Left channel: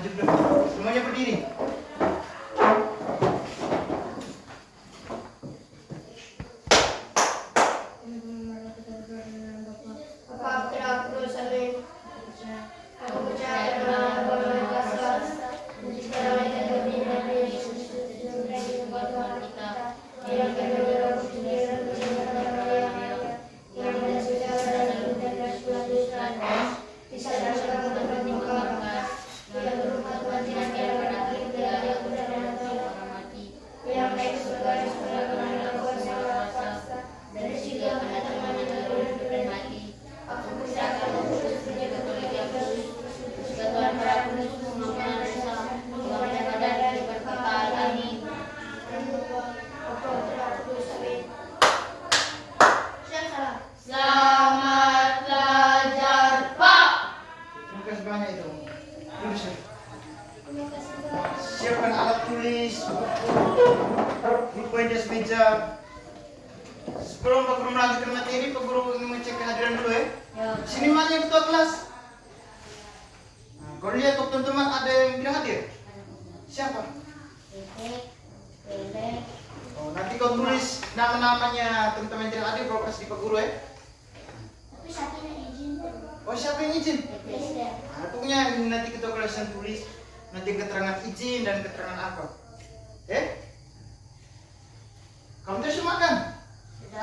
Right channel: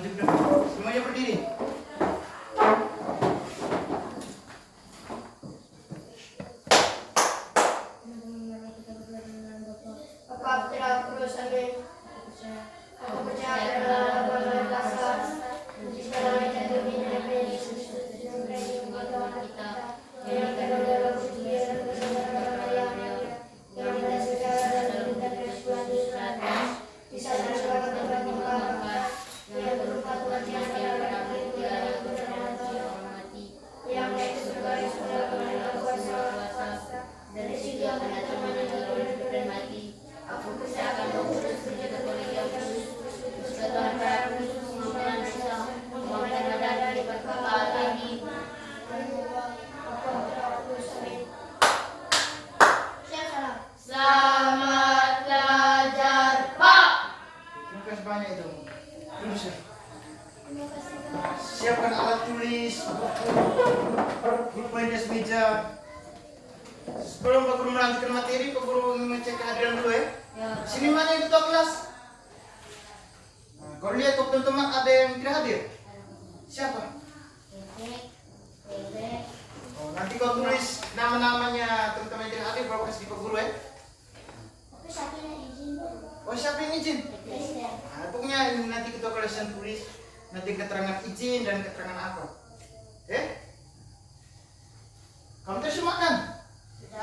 Maju ke depan. Semuanya berdiri. Banyak itu. Lurus ya. Siapkan alat tulis, buku jas meja. Sebelum Pak Guru melanjutkan materi, Pak Guru ingin mengecek kehadiran dulu ya. Sini mana yang ketua kelas? Nah, kalau lihat teman-teman ada yang tidak hadir. Siapa? Oh, nanti kau tulis nama-namanya teman-teman yang tidak hadir, kau kasih di Pak Guru ya. Tapi satunya izin. Oh, siapa yang izin? Nah, pokoknya ini nanti ketua kelas yang tulis nanti keterangan izin dan keterangan apa. Kamu terus makan?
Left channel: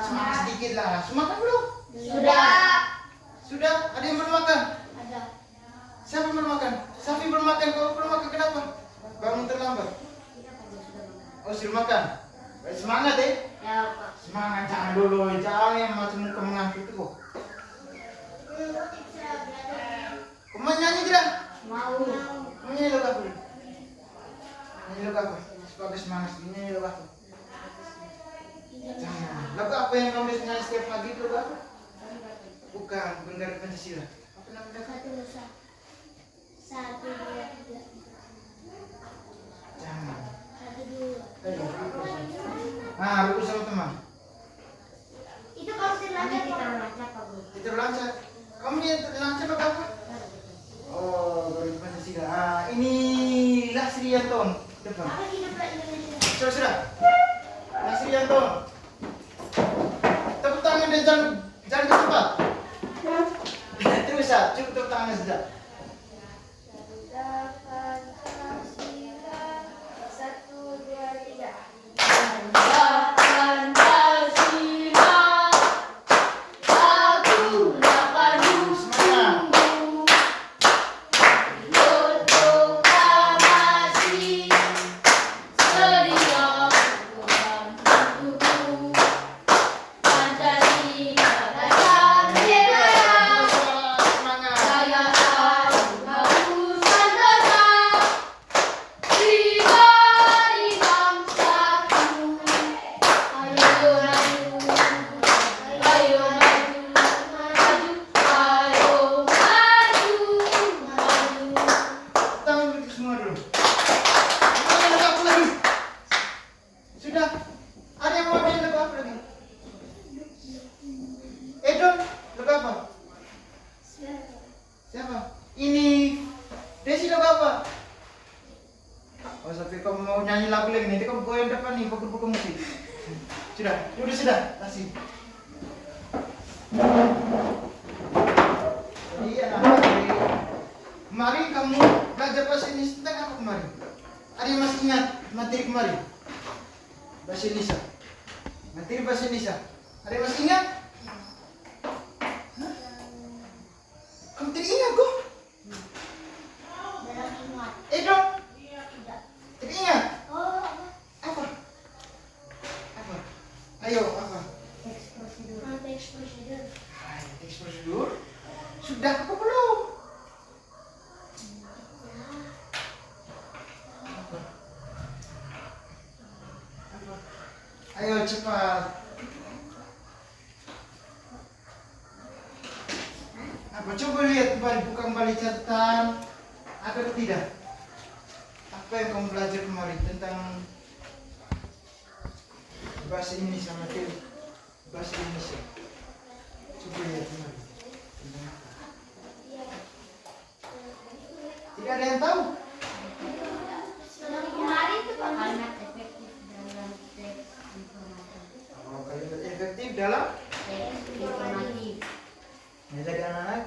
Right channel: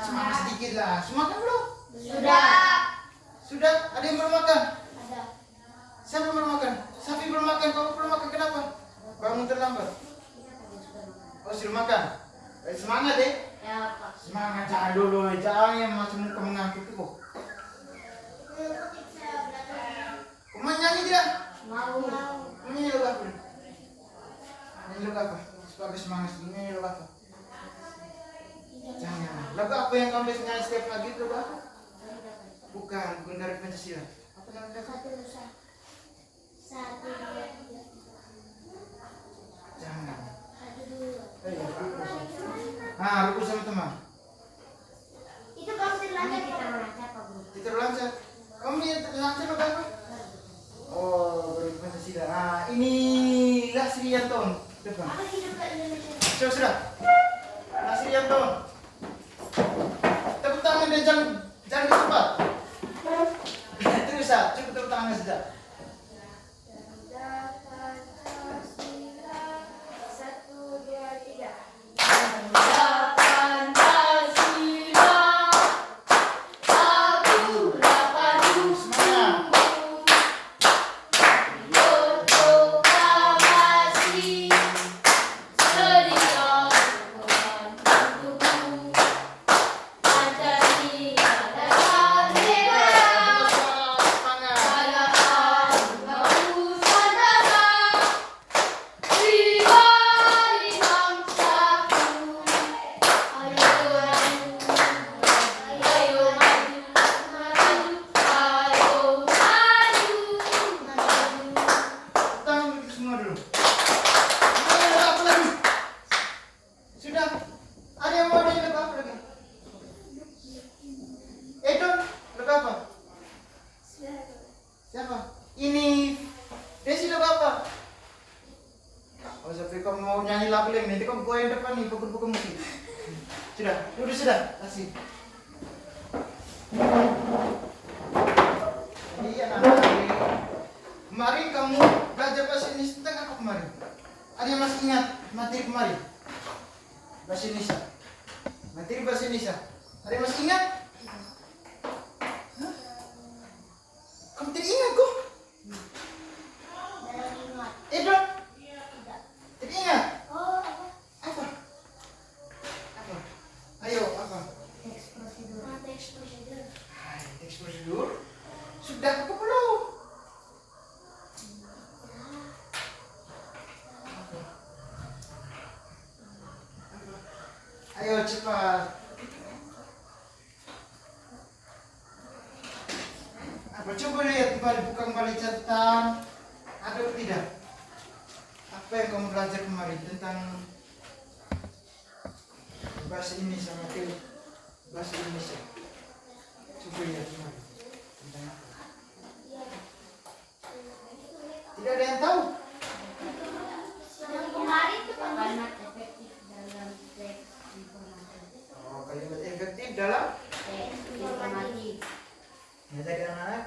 Semangat sedikit lah. Semakan belum? Sudah? Ada yang belum makan? Ada. Siapa belum makan? Safi belum makan. Kamu belum makan kenapa? Bangun terlambat. Oh, sudah makan. Baik, semangat ya. Semangat, jangan dulu. Jangan yang macam muka mengantuk itu kok. Kamu nyanyi tidak? Mau. Nyanyi lagu apa? Nyanyi lagu apa? Supaya semangat sedikit. Nyanyi lagu apa? Jangan. Lagu apa yang kamu bisa nyanyi setiap pagi itu lagu apa? Bukan dari Pancasila. Apa namanya? Satu, dua, tiga. Jangan. Satu, dua. Ayo, rukun. Nah, rukun sama teman. Itu kamu terlanjur kita melacak Pak Guru. Kita lancar. Kamu yang lancar lagu apa? Oh, dari Pancasila. Ah, ini Lasrianton. Depan. Apa hiduplah Indonesia? Sudah. Lasrianton. Tepuk tangan dan jangan cepat. Itu bisa. Cukup tepuk tangan saja. Satu, dua, tiga. Sudah, masih. Iya, kemarin kamu belajar bahasa Indonesia tentang apa kemarin? Ada yang masih ingat materi kemarin? Bahasa Indonesia. Materi bahasa Indonesia. Ada yang masih ingat? Hah? Kamu tidak ingat kok? Edo? Tidak ingat? Oh, Apa? Ayo, apa? teks prosedur. Teks prosedur? Sudah apa belum? Ayo cepat. Apa coba lihat kembali, buka kembali catatan. Ada atau tidak? Apa yang kamu belajar kemarin tentang bahasa Indonesia, materi bahasa Indonesia? Coba lihat kembali. Tentang apa? Tidak ada yang tahu? dalam Informatif. ya. Jadi anak-anak,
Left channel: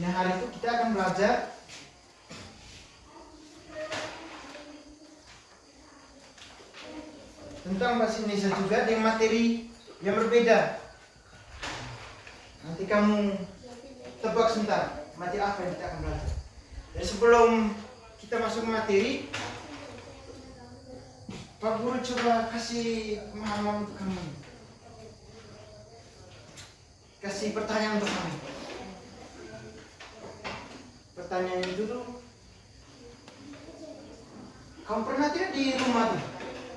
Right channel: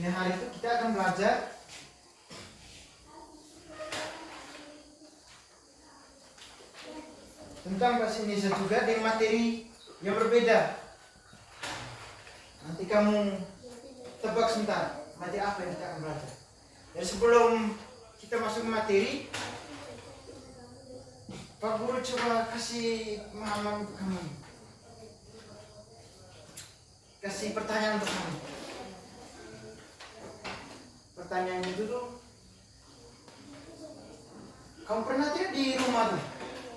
ini hari itu kita akan belajar tentang bahasa Indonesia juga dengan materi yang berbeda. Nanti kamu tebak sebentar materi apa yang kita akan belajar. Jadi sebelum kita masuk ke materi, Pak Guru coba kasih pemahaman untuk kamu. Kasih pertanyaan untuk kamu. Pertanyaannya itu tuh, kamu pernah tidak di rumah tuh?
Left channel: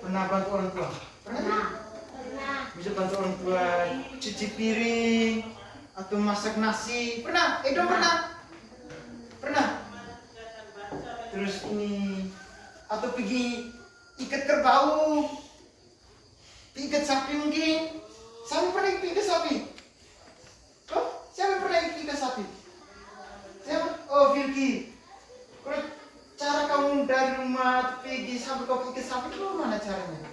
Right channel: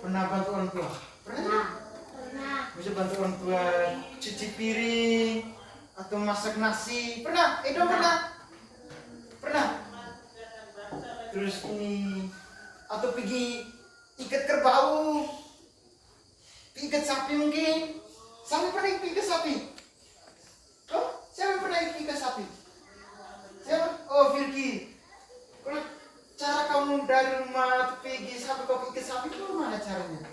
Pernah bantu orang tua? Pernah tidak? Pernah. Bisa bantu orang tua cuci piring atau masak nasi? Pernah? Dong pernah? Pernah? Terus ini atau pergi ikat kerbau, ikat sapi mungkin. Siapa pernah ikat sapi? Oh, siapa pernah ikat sapi? Siapa? Oh, Virgi. Kalau cara kamu dari rumah pergi sampai kau ikat sapi itu mana caranya?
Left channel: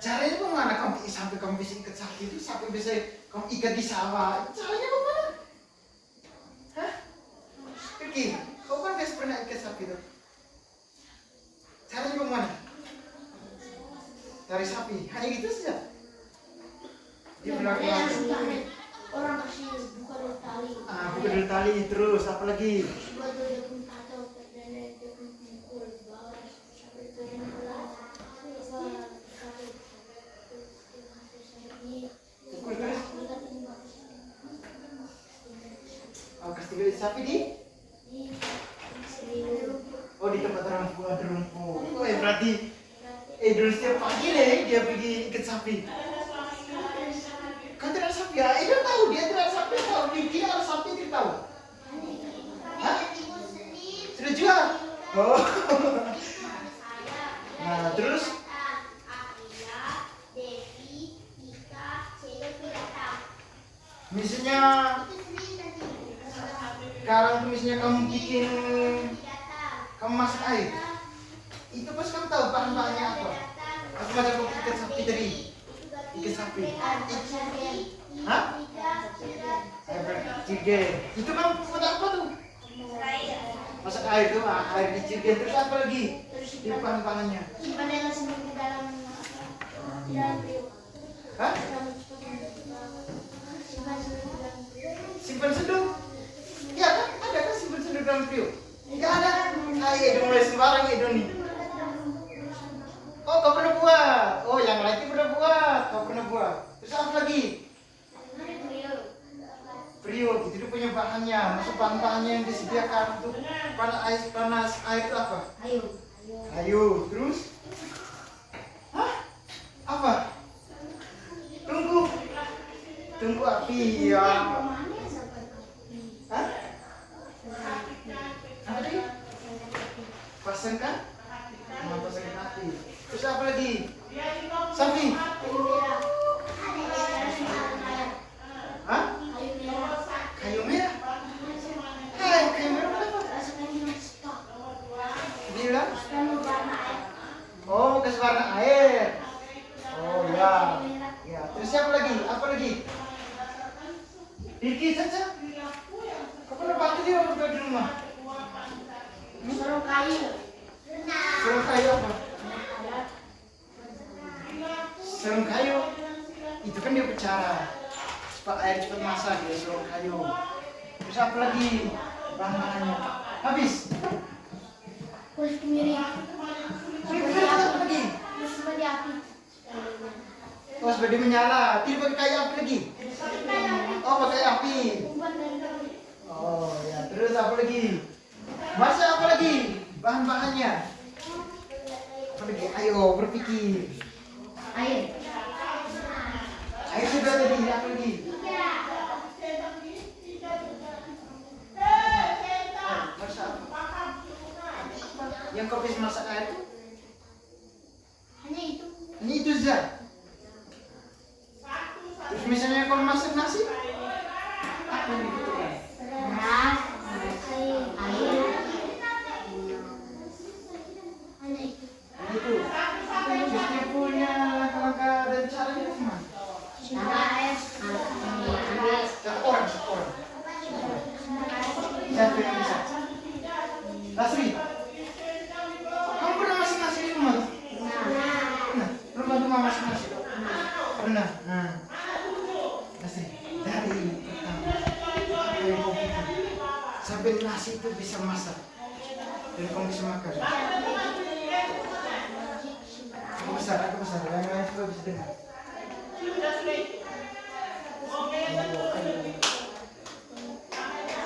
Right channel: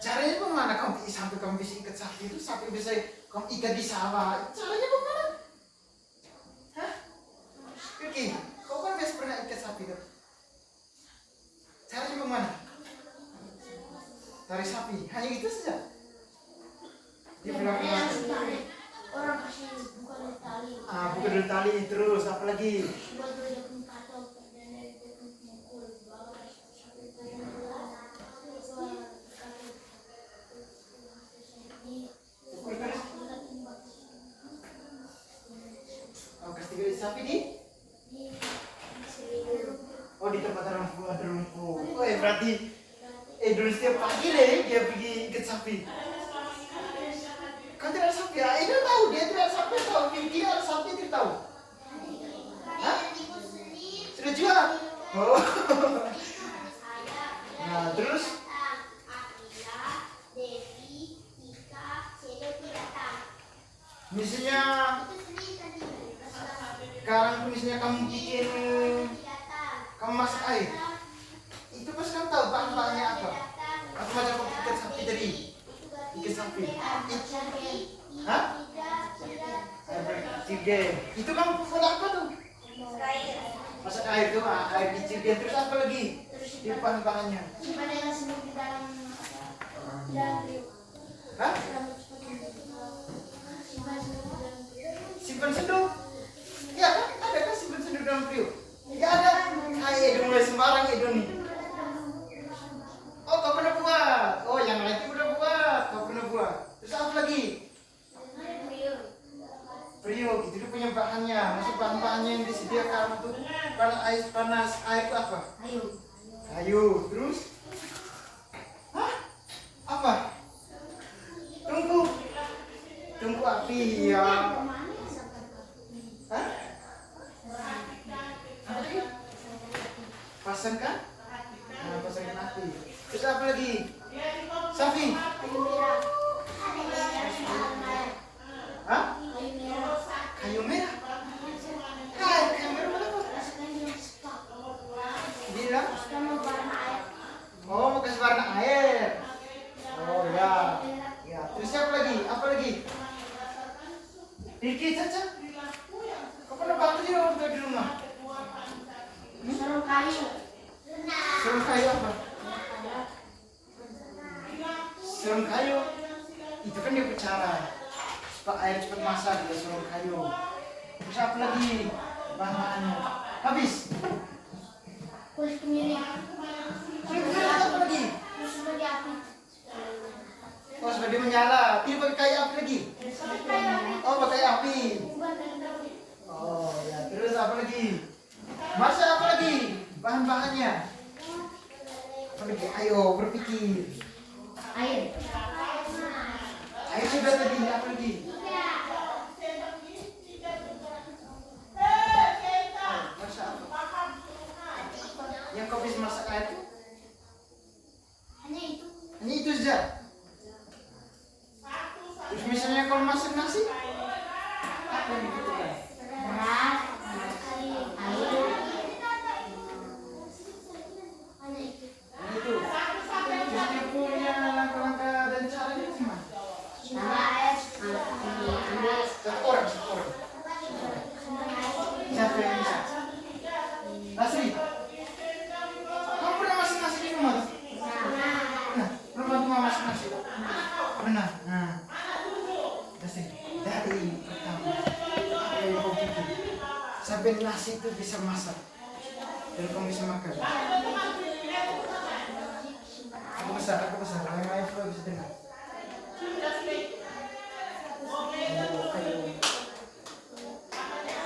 Caranya bagaimana kamu sampai kamu bisa ikat sapi itu, sampai bisa kamu ikat di sawah? Caranya bagaimana? Hah? Virgi, kau kan biasa pernah ikat sapi itu. Caranya bagaimana? Tarik sapi, hanya gitu saja. Dia benar Orang kasih buka dulu tali. buka dulu tali, terus apa lagi? Buat dulu pun patok dan itu pun mukul bawah sampai turun pelan. Oh, kasih duit sapi di? Oh, di tempat orang tua ada rumput. Oh, berarti dulu setiap pagi dia pergi ikat sapi. Kan tidak ada sapi ya? Dia tahu dia tidak ada sapi, tahu Vicky ada sapi dia tahu. Hah? Sudah jual? Oh. Nah, terus? Misalnya sekarang tuh misalnya kamu bikin, kamu masak air, itu pas kamu tahu bahan-bahannya apa? Aku baca kok ikan sapi tadi, ikan sapi. Hah? Cirgen. Itu kamu buat apa tuh? Masak air tuh, air di cirgen. Terus apa lagi? Di bahan-bahannya. Simpan dengan semua di dalam periuk. Hah? Simpan semua di dalam periuk. Simpan sendok. Ya kan? Ada kan simpan sendok dalam periuk? Ya ada. Edo mulai sembarang Edo nih. Oh, kau pernah buat. Oh, yang lagi pernah buat. Kau pernah buat. Terus apa lagi? Periuk. Itu dia punya bahannya. Maksud bahan-bahannya yang disediakan untuk panas air itu apa? Kayu. Terus? Hah? Apa? Tunggu api ya. Hah? Apa tadi? Pasangkan? Nah, pasangkan api. Terus apa lagi? Sapi? Hah? Kayu merah? Hai, kayu merah apa? Bilang? Oh, mau kasih warna air. Oh ya. Ya, terus apa lagi? Apa lagi? Vicky, Caca. Kau pernah bantu dia waktu di rumah? Sarung kayu. Sarung kayu apa? Sarung kayu itu kan dia bicara supaya air cepat masak ya, sarung kayu. Terus apa lagi bahan-bahannya? Habis. Kulit kemiri. Kulit kemiri apa lagi? Sebagai api. Oh, sebagai menyala. Tidak pakai kayu api lagi? Oh, pakai api. Oh ya, terus apa lagi? Masak apa lagi? Bahan-bahannya? Apa lagi? Ayo berpikir. Air. Air sudah tadi, apa lagi? Masak apa? Yang kau bisa masak air itu? Hanya itu. Hanya itu saja. Terus misalnya kau masak nasi, apa yang dibutuhkan? Beras, air. Hanya itu. Hanya itu. Terus dia punya langkah-langkah dan Siapa yang bisa? Lasri, kamu pernah masak nasi di rumah tuh? Pernah? Pernah bantu mama masak nasi? Pernah? Nah, Lasri, dari pertama apa yang kau bikin sampai nasi itu bisa masak dan kamu bisa makan. Aku besar, yang lain semua bisa dengar.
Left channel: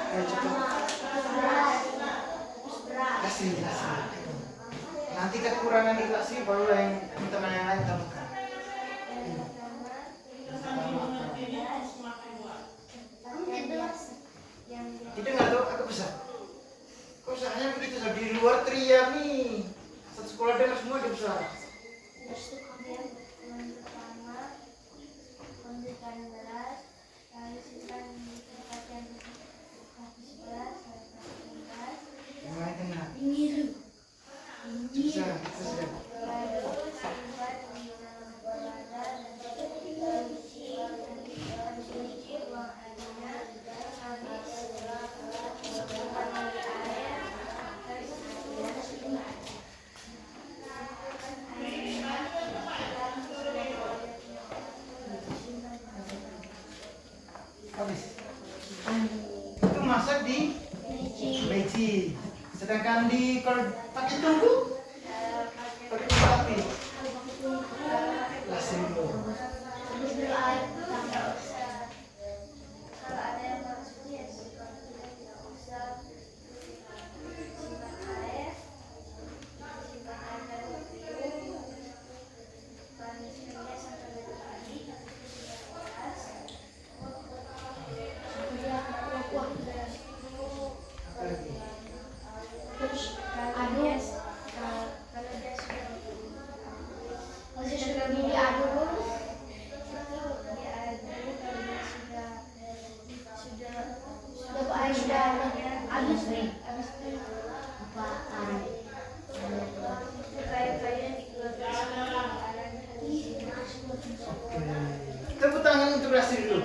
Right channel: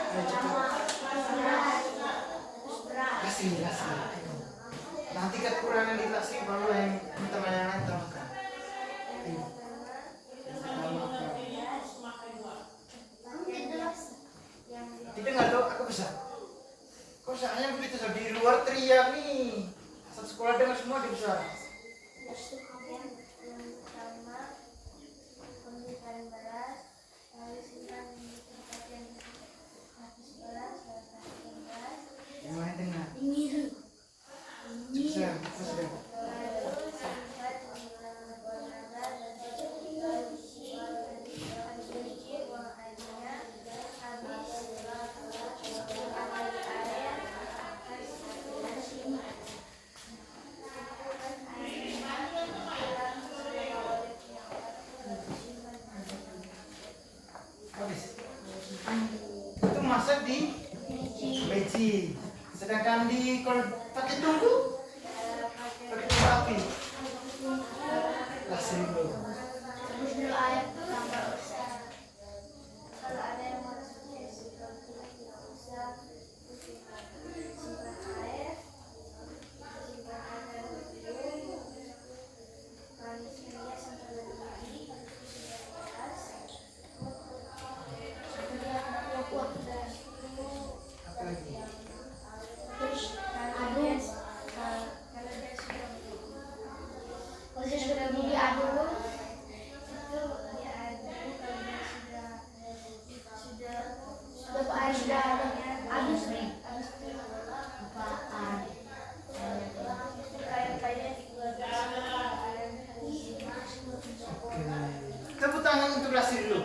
Ayo cepat. Kasih. Nanti kekurangan di Lasri baru yang teman yang lain tambahkan. Ayo. Didengar tuh, aku besar. Kok usahanya begitu so di luar teriak nih. Satu sekolah dengar semua dia besar. Yang lain dengar. Besar. Habis. Itu masak di beci. Sedangkan di kalau pakai tungku pakai tungku api. Lasri dulu. Apa lagi? Kalau dia sudah diaduk, sudah air sudah habis nih, habis itu apaan? Kayak Oke. Tepuk tangan untuk Lasri dulu.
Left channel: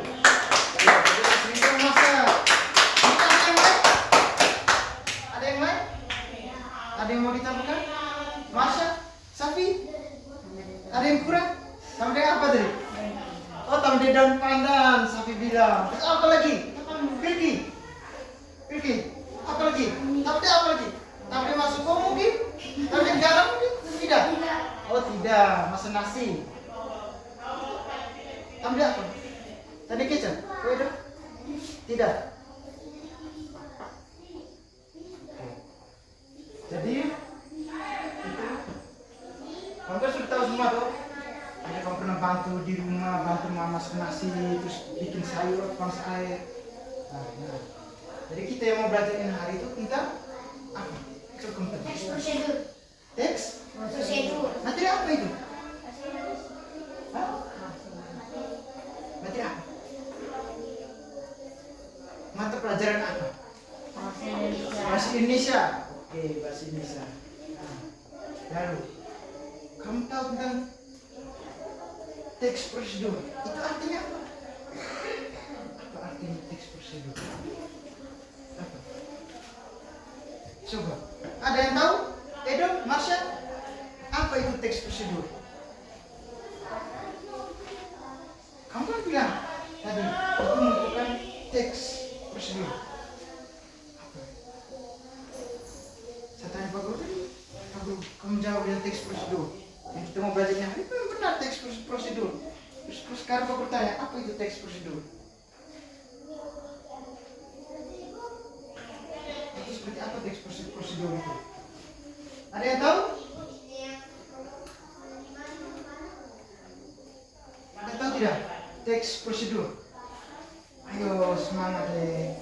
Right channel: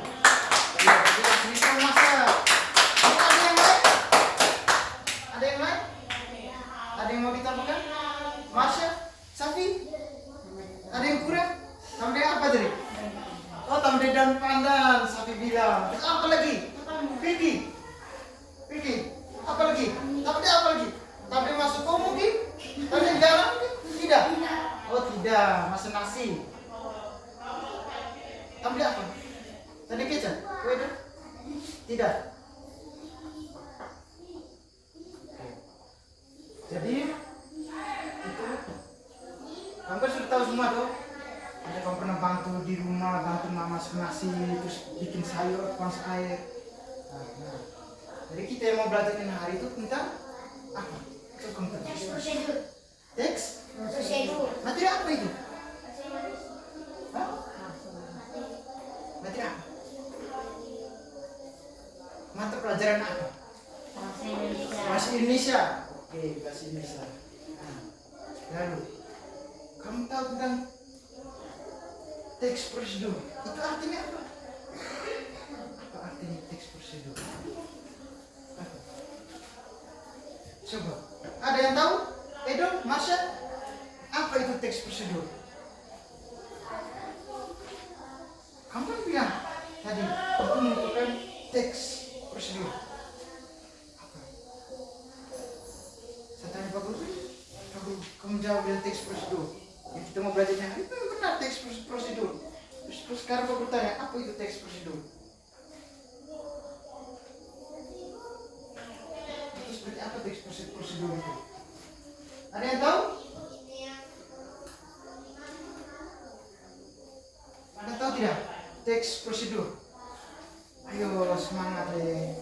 Ya, Lasri itu masak. Ada yang lain? Ada yang mau ditambahkan? Masya, Safi? Ada yang kurang? Tambah apa tadi? Oh, tambah daun pandan, Safi bilang. Terus apa lagi? Pilki. Apa lagi? Tambah apa lagi? Tambah masuk kau mungkin? Tambah garam mungkin? Tidak. Oh tidak, masuk nasi. Tambah apa? Tadi kecap? Kue dong? Tidak. Jadi itu kamu kan sudah tahu semua tuh. Ada kamu pernah bantu di rumah, bantu mama masak nasi, terus bikin sayur, panas air. Nah. Jadi kita yang mau belajar hari itu tentang apa? Coba kamu tanya. prosedur. Teks? Materi apa itu? Hah? Materi apa? Mata pelajaran apa? Bahasa Indonesia. Oke, bahasa Indonesia. Nah, lalu, kamu tahu tentang teks prosedur? Itu artinya apa? Apa artinya teks prosedur? Apa? Coba, ada yang tahu? Edo, Marsha? Apa itu teks prosedur? Kamu kan bilang tadi, itu merupakan teks prosedur. Saya tanya Pak Guru tadi, Pak Guru, kamu jawab dengan teks prosedur. Yang kita mau belajarnya hari itu benar teks prosedur. Terus sekarang Pak Guru tanya, apa itu teks prosedur? Itu seperti apa teks prosedur itu? Ada yang tahu? Ada yang tahu tidak? Teks prosedur. Ayo semangat deh.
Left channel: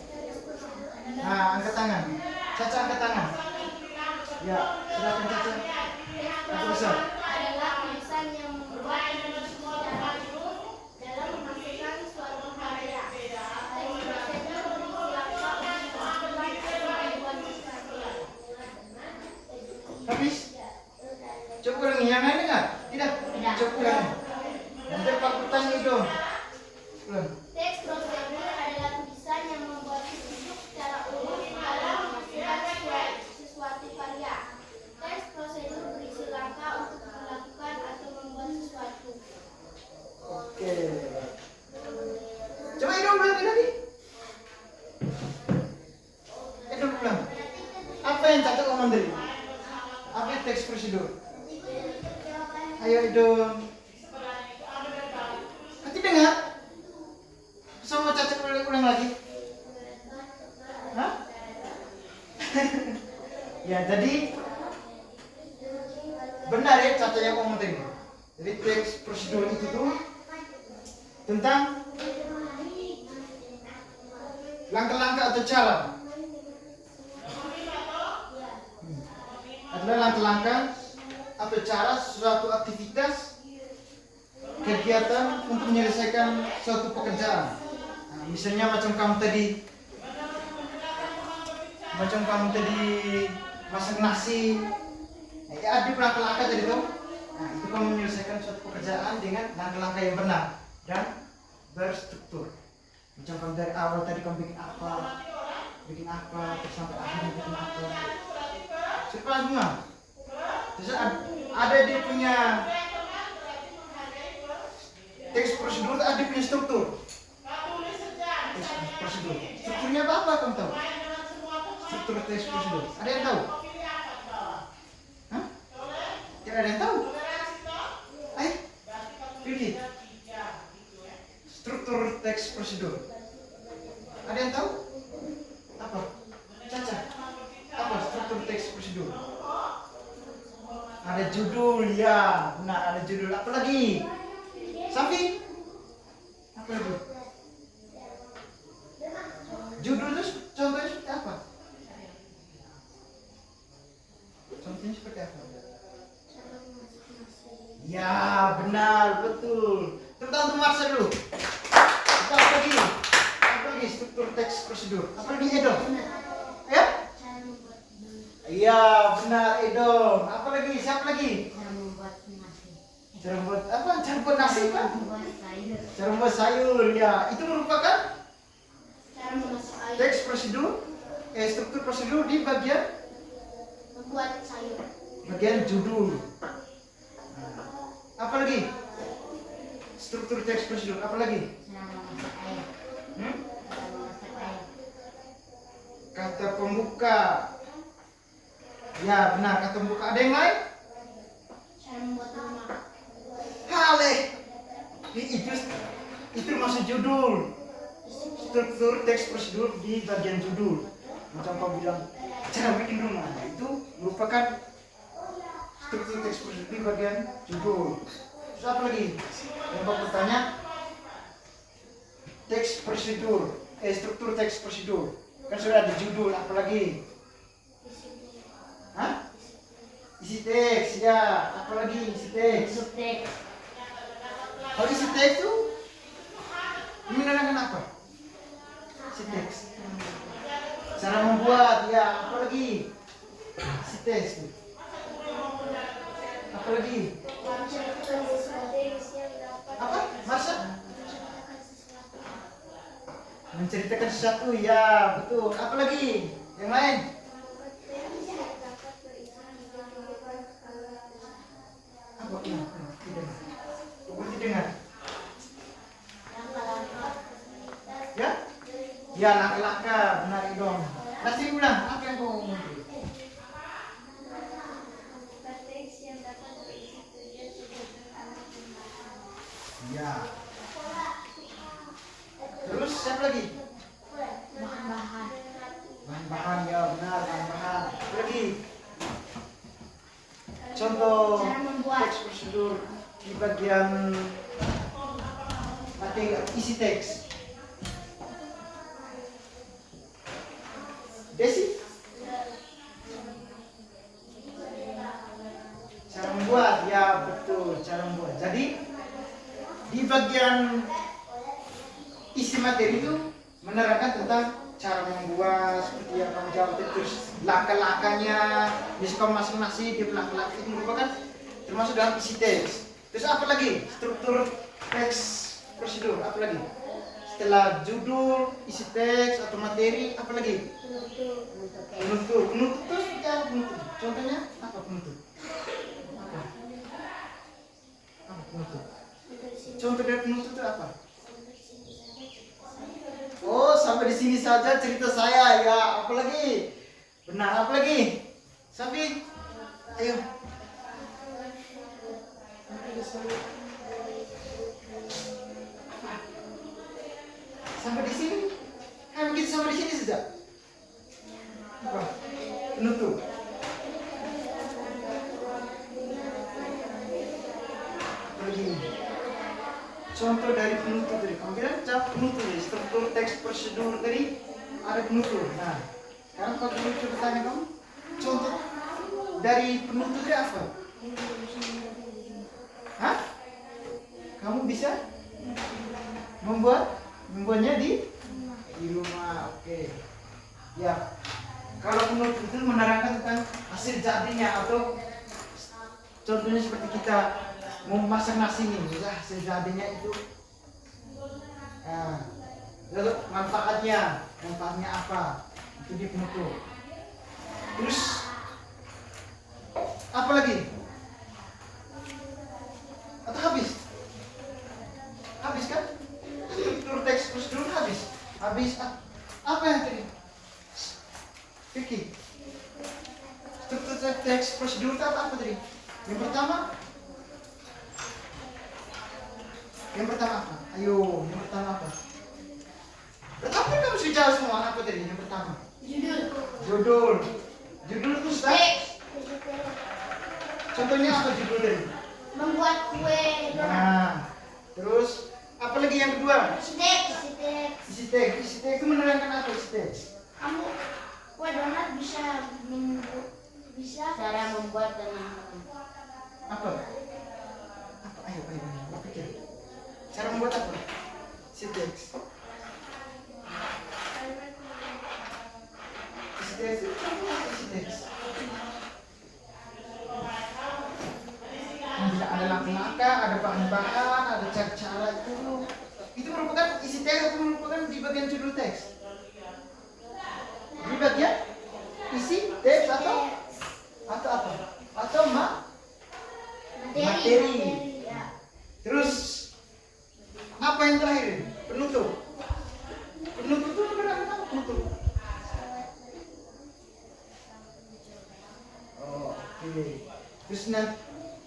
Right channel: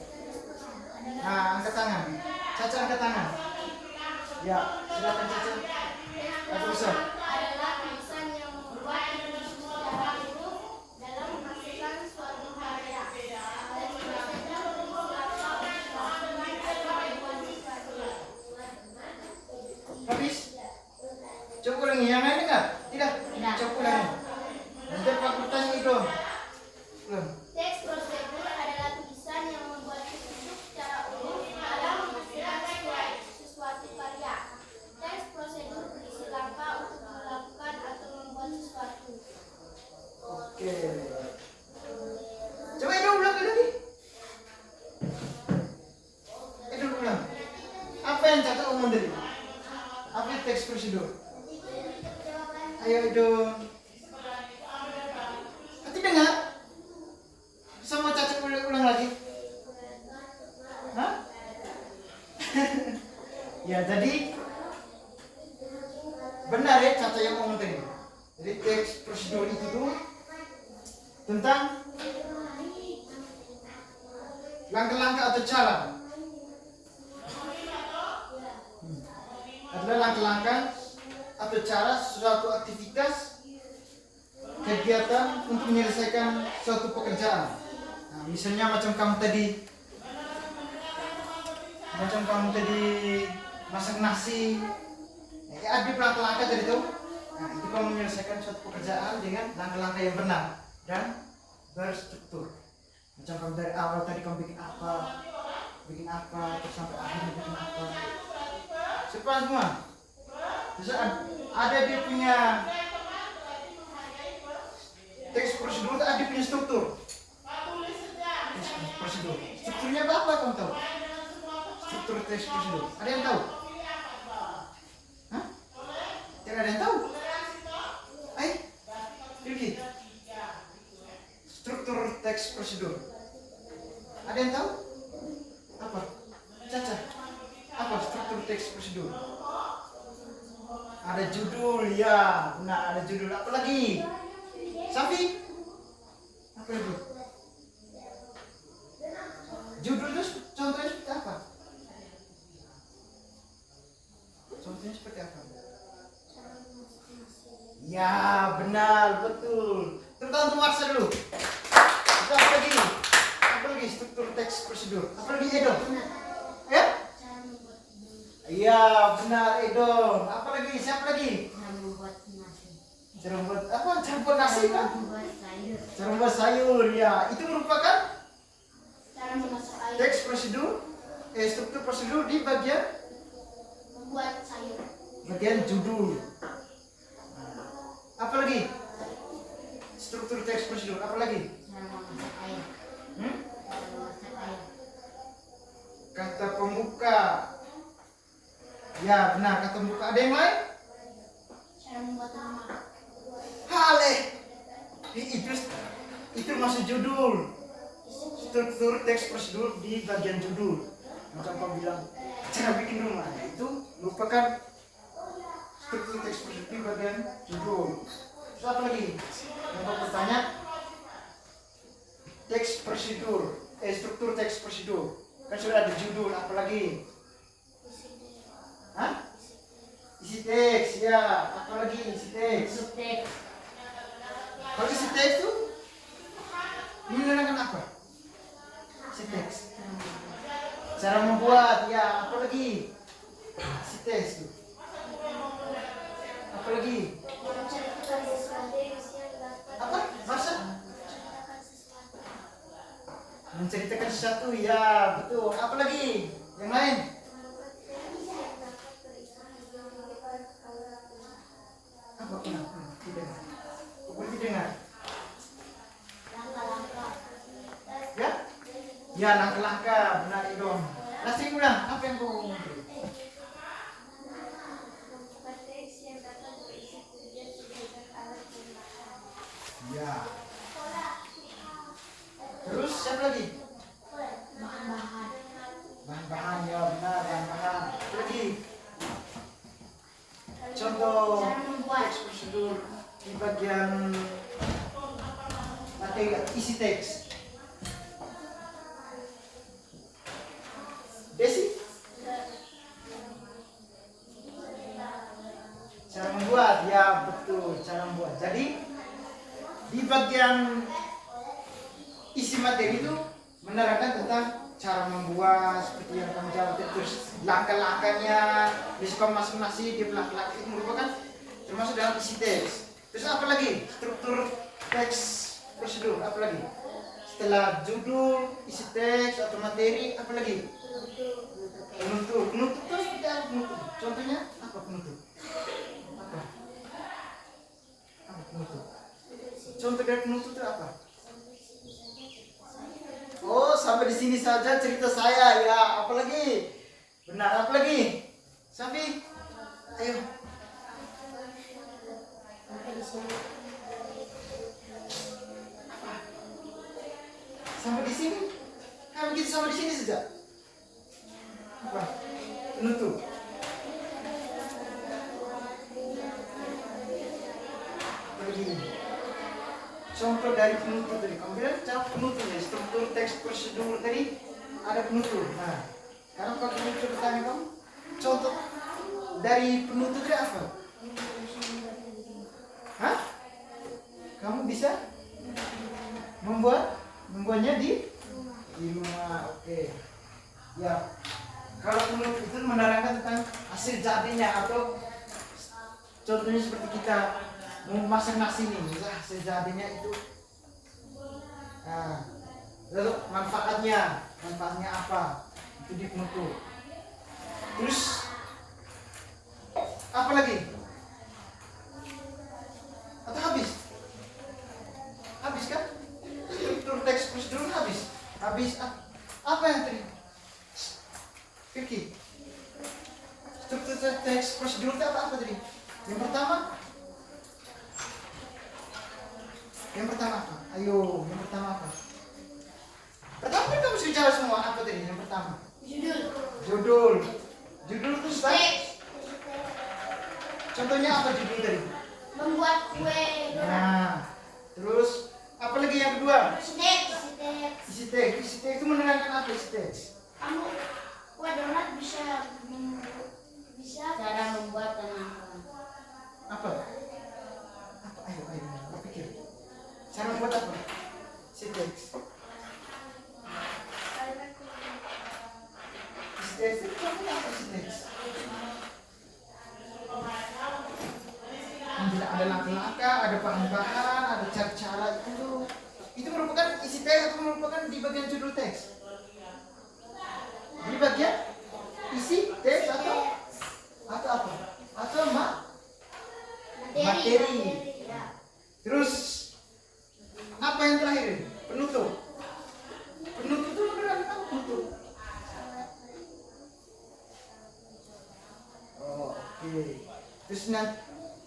Nah, angkat tangan. Caca angkat tangan. Ya, silakan Caca. Aku besar. Adalah tulisan yang membuat secara dalam menghasilkan suatu karya. Habis? Coba ulangi, yang lain dengar? Tidak? Coba ulangi. Nanti Pak bertanya itu. Belum. Teks prosedur adalah tulisan yang membuat petunjuk secara umum dalam teks prosedur. Ayo Idun. Nanti dengar. Sama Caca ulang lagi. Hah? Ya, jadi benar ya Caca yang ngomong tadi. Jadi teks prosedur itu tuh tentang langkah-langkah atau cara. Adalah langkah-langkah atau cara suatu aktivitas kegiatan untuk menyelesaikan suatu pekerjaan. Nah, misalnya macam kamu tadi masak nasi. Ya, ada langkah-langkah tadi tuh. Nah, itu kamu menyelesaikan suatu pekerjaan dengan langkah-langkah yang benar dan berstruktur. Macam kamu dari awal tadi kamu bikin apa, terus sampai akhirnya bikin apa. Cepat semua. Terus ada dia punya teks prosedur, ada dia punya struktur. Teks prosedur. Strukturnya apa kamu tahu? Struktur teks prosedur. Ada yang tahu? Hah? Tidak ada yang tahu? Ayo, pilih. Struktur teks prosedur. Ada yang tahu? Apa? Caca. Apa struktur teks prosedur? Ada judul, ya. Benar, ada judul. Apa lagi? Safi? Apa lagi? Judul itu contohnya seperti apa? Contohnya seperti apa? Ya, benar, betul. Tentang untuk Marsa dulu. Kita apa lagi? Apa lagi struktur teks prosedur? Apa lagi Edo? Ya? Iya, benar Edo. Apa lagi? Siapa lagi? Cara membuat apa? Cara membuat nasi kan? Cara membuat sayur. Ya, itu merupakan Cara memasak air. teks prosedur, struktur prosedur di bagian Membuat sayur. bagian judul. Apa lagi? Struktur teks prosedur. Apa lagi? Cara memasak air. Hmm? Cara memasak air. Kata pembuka. Ya, benar kata pembuka. Ada yang lain? Cara membuat nama. Hale. Itu masuk judul. Struktur teks prosedur di bagian judul. Macam kau bilang cara bikin rumah. Itu merupakan struktur teks prosedur di bagian judul. Terus apa lagi? Yang kau bertanya teks prosedur, struktur teks prosedur. Kan sudah ada judul, apa lagi? Hah? Isi teks, ya. Apa lagi isi teks? Subteks. Kalau isi teks itu menerangkan apa? Isi teks. Cara membuat, ya. Apa lagi? Isi teks itu. Apa lagi? Menceritakan sesuatu yang dapat. Apa? Masa? Menceritakan sesuatu, ya. Betul. Apa lagi? Yang lain? Apa? Tidak. Berarti dengar. Langkah-langkah. Ya? Ya, langkah-langkah. Benar, Idom. Nanti ulang. Apa yang kau ngomong? Teks yang dapat berisi tujuan tujuan alat penggunaan. Ya. Terus siapa lagi? Bahan-bahan. Bahan-bahan, ya benar, bahan-bahan. Apa lagi? Contoh Cara membuat. teks prosedur di bagian materi isi teks. Desi? Cara membuat, ya betul, cara membuat. Jadi di bagian isi materi itu menerangkan tentang cara membuat seperti yang kamu jawab itu, terus langkah-langkahnya, misalkan masing-masing di langkah-langkah itu merupakan termasuk dalam isi teks. Terus apa lagi? Struktur teks prosedur, apa lagi? Setelah judul, isi teks atau materi, apa lagi? Penutup. Penutup itu seperti apa penutup? Contohnya apa penutup? Apa penutup? Contoh dari penutup itu apa? Oh, sampai di sini saja cerita saya ya. Apa lagi? Benar, apa lagi? Safi? Ayo. Sampai di sini. Sampai di sini. Ayo kita sampai di sini saja. Apa? Penutup. Begini. Contoh dari penutup tadi. Kamu bilang cara penutup ya. Struktur teks prosedur tadi ada penutup. Nah, sekarang kalau penutup bertanya kamu, contoh dari penutup tadi apa? Hah? Kamu bisa membuatnya di rumah. Oke. Ya. Kalau penutup itu menerangkan tentang hasil jadinya atau contohnya seperti kita mau masak nasi nih, misalnya hasil jadinya itu. Nah, lalu manfaatnya apa? Itu di penutup. Terus apa lagi? Atau habis? Habis kan? Struktur teks prosedur habis. Apa yang tadi? Fikir. Struktur teks prosedur itu apa tadi? Yang pertama apa? Ayo, yang pertama apa? Pertama kan kamu sudah bicara semua apa tadi? Yang pertama. Judul itu sudah. Contohnya apa judul tadi? Membuat kue. Nah, terus apa lagi yang kedua? Isi teks itu menerangkan apa isi teks? Kamu kue donat bisa Cara membuat dan memakan. Apa? Ayo, pikir. Cara membuat apa? Isi teks. Isi teks itu contohnya apa isi teks? Ada langkah-langkah, ada bahan-bahan, ada cara-cara itu merupakan isi teks atau merupakan di bagian judul teks? Di bagian isi teks atau apa? Atau materi. Ya. Terus apa yang terakhir? Penutup itu berarti apa penutup? Oh, oke.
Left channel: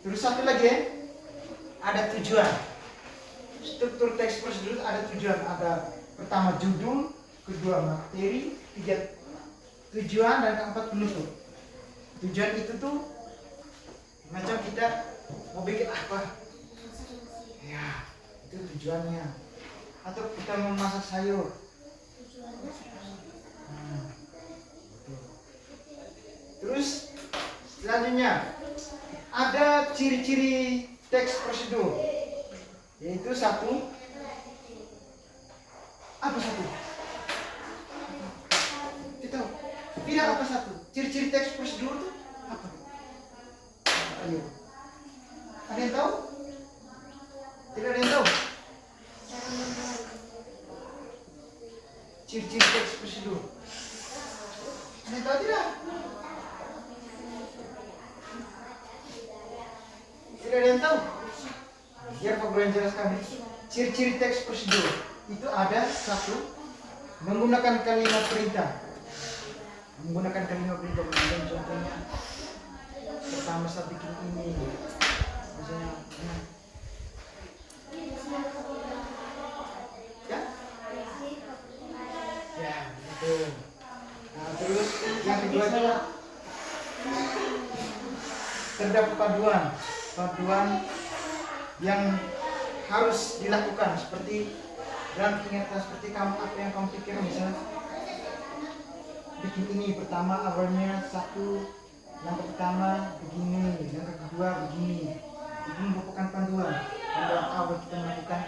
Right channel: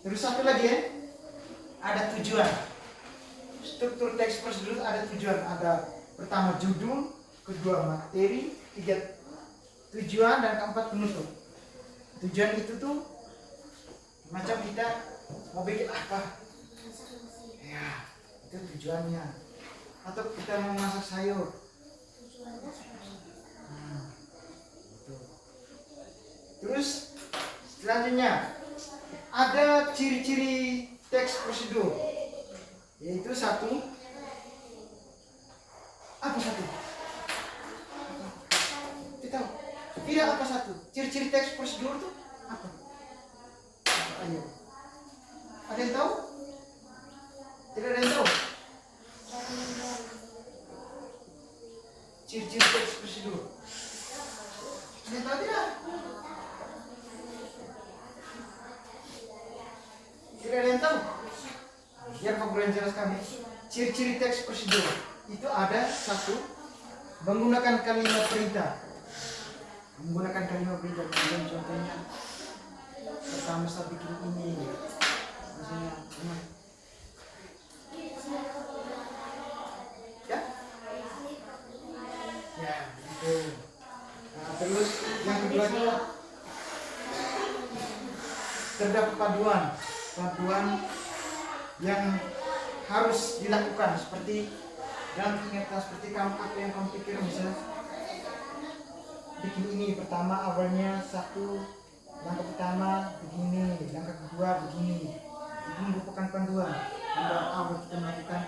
Terus satu lagi ya. Ada tujuan. Struktur teks prosedur ada tujuan. Ada pertama judul, kedua materi, tiga tujuan, dan keempat penutup. Tujuan itu tuh macam kita mau bikin apa? Ya, itu tujuannya. Atau kita mau masak sayur. Betul. Terus selanjutnya ada ciri-ciri teks prosedur, yaitu satu. Apa satu? Kita tahu? Tidak apa satu? Ciri-ciri teks prosedur itu apa? Ayo. Ada yang tahu? Tidak ada yang tahu? Ciri-ciri teks prosedur. Ada yang tahu tidak? Tidak ada yang tahu? Biar Pak Guru yang jelaskan. Ciri-ciri teks prosedur itu ada satu, menggunakan kalimat perintah. Menggunakan kalimat perintah. Contohnya pertama saya bikin ini, misalnya ya gitu. Nah, terus yang kedua terdapat paduan yang harus dilakukan, seperti dalam ingatan, seperti kamu apa yang kamu pikir, misalnya bikin ini pertama awalnya satu, langkah pertama begini, langkah kedua begini. Itu merupakan panduan awal kita melakukan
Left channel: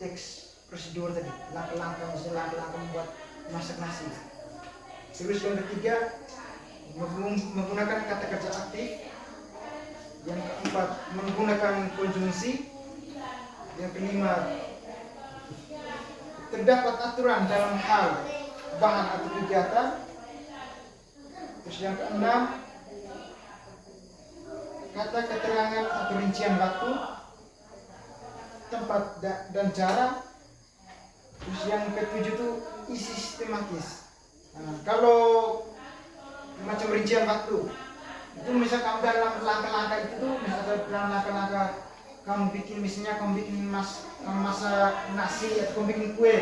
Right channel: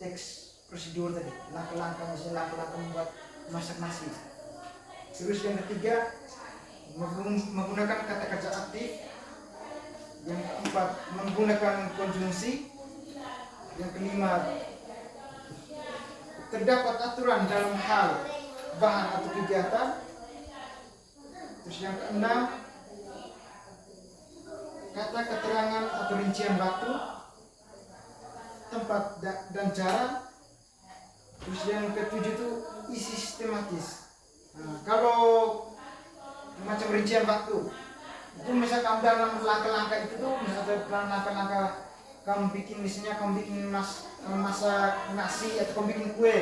teks prosedur tadi, langkah-langkah, misalnya langkah-langkah membuat masak nasi. Terus yang ketiga menggunakan kata kerja aktif. Yang keempat menggunakan konjungsi. Yang kelima terdapat aturan dalam hal bahan atau kegiatan. Terus yang keenam kata keterangan atau rincian waktu, tempat dan cara. Terus yang ketujuh itu isi sistematis. Nah, kalau macam rincian waktu Itu misal kamu dalam langkah-langkah itu tuh, misalnya dalam langkah-langkah kamu bikin, misalnya kamu bikin kamu masak nasi atau kamu bikin kue.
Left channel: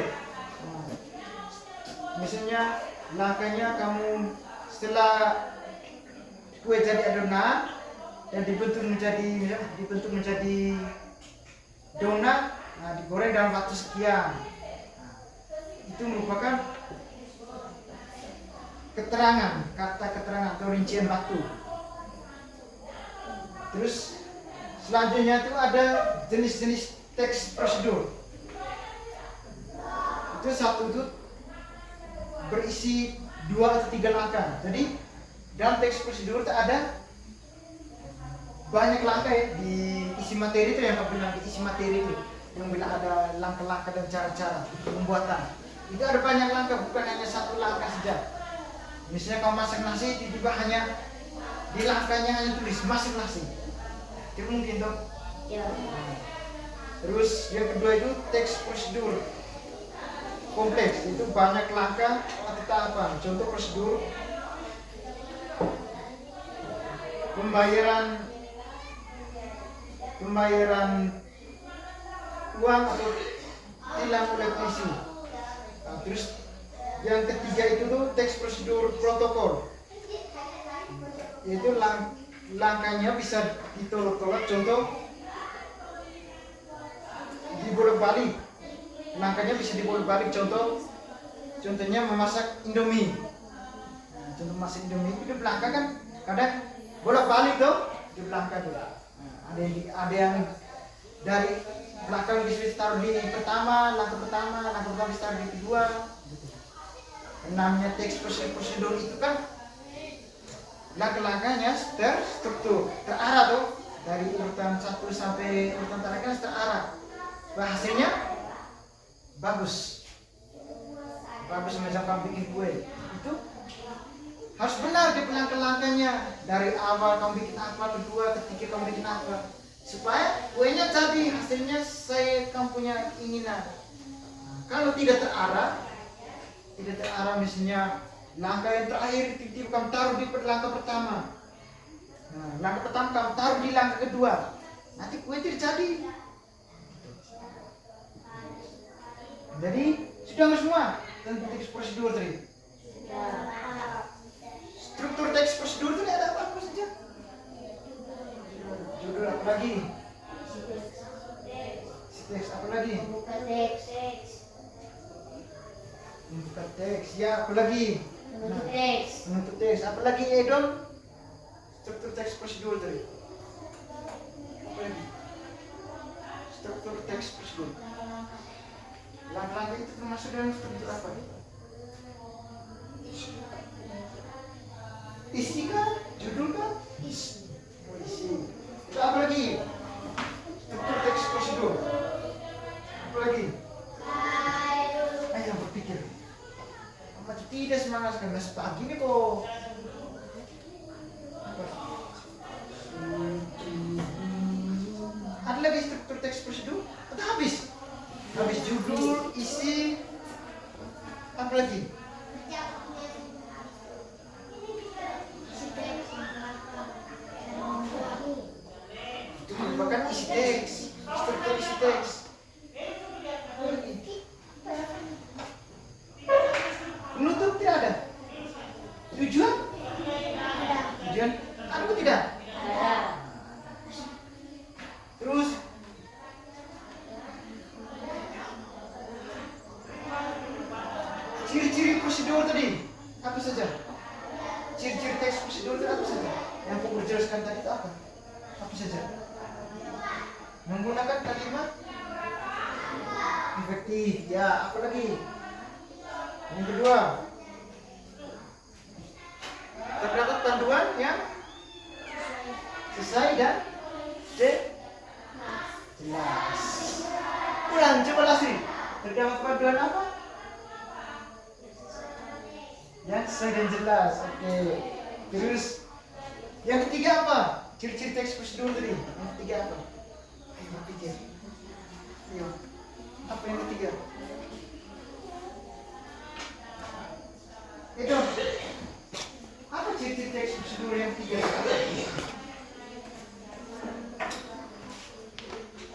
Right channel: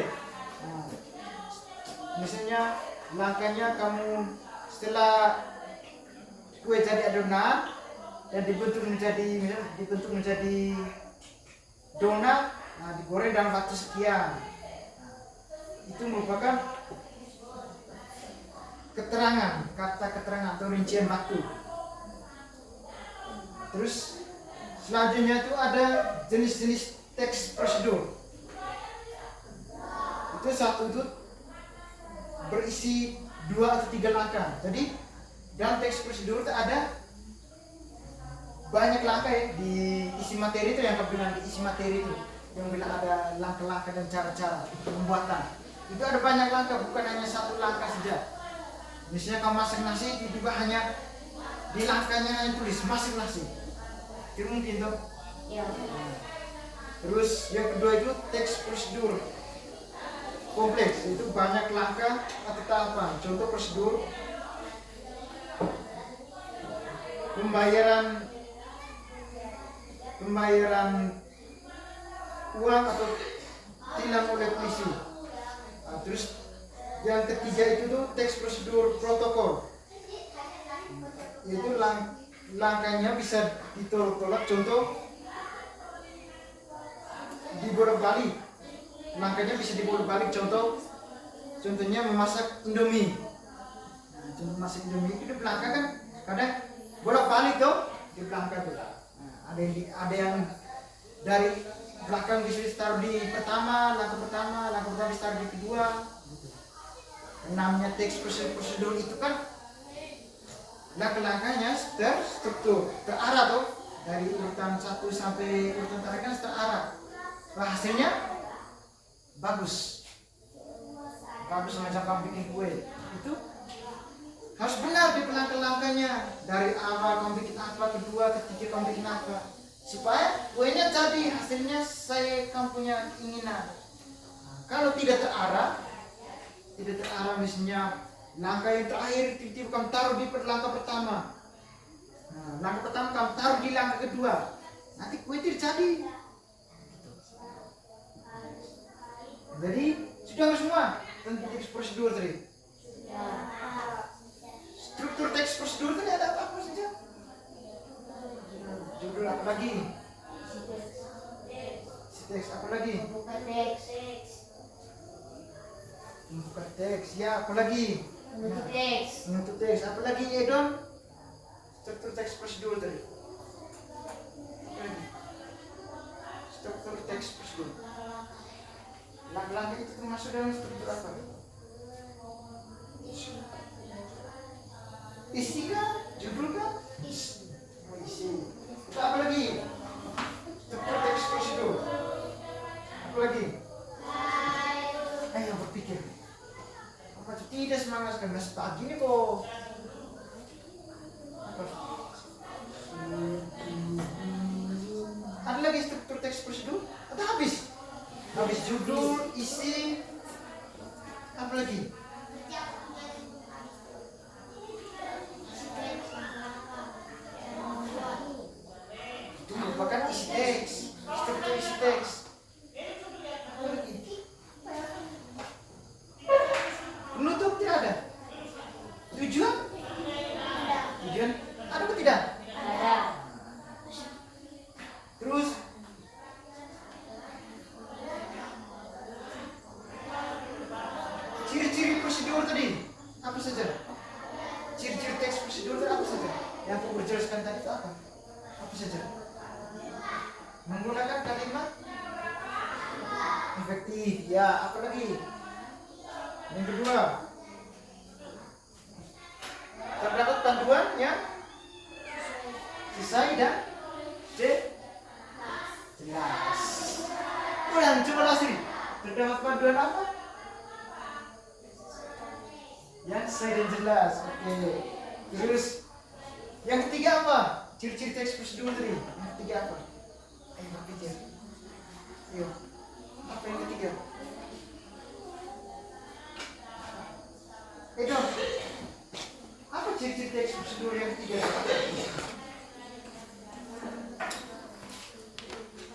Nah, misalnya langkahnya kamu setelah kue jadi adonan dan dibentuk menjadi donat, nah digoreng dalam waktu sekian. Nah, itu merupakan kata keterangan atau rincian waktu. Terus selanjutnya itu ada jenis-jenis teks prosedur. Itu satu itu berisi 2 atau 3 langkah. Jadi dalam teks prosedur itu ada banyak langkah ya. Di isi materi itu yang aku bilang, di isi materi itu yang bilang ada langkah-langkah dan cara-cara pembuatan. Itu ada banyak langkah, bukan hanya satu langkah saja. Misalnya kamu masak nasi, tiba-tiba hanya di langkahnya hanya tulis masak nasi. Itu mungkin tuh. Ya. Terus yang kedua itu teks prosedur kompleks, itu banyak langkah atau tahapan. Contoh prosedur pembayaran uang atau tilang oleh polisi. Nah, terus yang ketiga itu tuh teks prosedur protokol. Itu langkahnya bisa ditolak. Contoh dibolak-balik. Langkahnya bisa dibolak-balik. Contohnya memasak Indomie. Nah, contoh masak Indomie itu langkah kan kadang bolak-balik tuh di belakang tuh. Nah, ada yang dari belakang ditaruh di langkah pertama ditaruh di kedua. Gitu. Namanya teks prosedur itu kan langkah-langkahnya terstruktur, terarah tuh, dari urutan 1 sampai urutan terakhir kan terarah. Wah, hasilnya bagus macam kamu bikin kue itu harus benar di langkah-langkahnya, dari awal kamu bikin apa, kedua, ketiga kamu bikin apa, supaya kuenya jadi hasilnya kamu punya keinginan. Nah, kalau tidak terarah misalnya langkah yang terakhir tiba-tiba kamu taruh di langkah pertama, nah langkah pertama kamu taruh di langkah kedua, nanti kue tidak jadi. Jadi sudah semua tentang teks prosedur tadi. Struktur teks prosedur itu ada apa saja? Judul apa lagi? Teks apa lagi? Bukan teks. Bukan teks. Ya, apa lagi? Menutup teks. Menutup teks. Apa lagi ya dong? Struktur teks prosedur tadi. Apa lagi? Struktur teks prosedur. Langkah-langkah itu termasuk dalam struktur apa? Isi kan? Judul kan? Isi. Oh, isi. Itu apa lagi? Struktur teks prosedur. Apa lagi? Ayo berpikir. Apa itu tidak semangat sekali? Masih pagi nih kok. Apa? Ada lagi struktur teks prosedur? Atau habis? Habis judul, isi, apa lagi? Itu merupakan isi teks, struktur isi teks. Apa lagi? Penutup tidak ada. Tujuan? Tujuan? Ada atau tidak? Ada. Terus ciri-ciri prosedur tadi apa saja? Ciri-ciri teks prosedur tadi apa saja? Yang aku berjelaskan tadi itu apa? Apa saja? Menggunakan kalimat efektif. Ya, apa lagi? Yang kedua, terdapat panduan yang sesuai dan jelas. Ulang, coba lagi. Terdapat panduan apa? Yang sesuai dan jelas. Oke. Terus yang ketiga apa? Ciri-ciri teks prosedur tadi. Yang ketiga apa? Ayo pikir. Ayo. Apa yang ketiga? Itu. Apa ciri-ciri teks prosedur yang ketiga.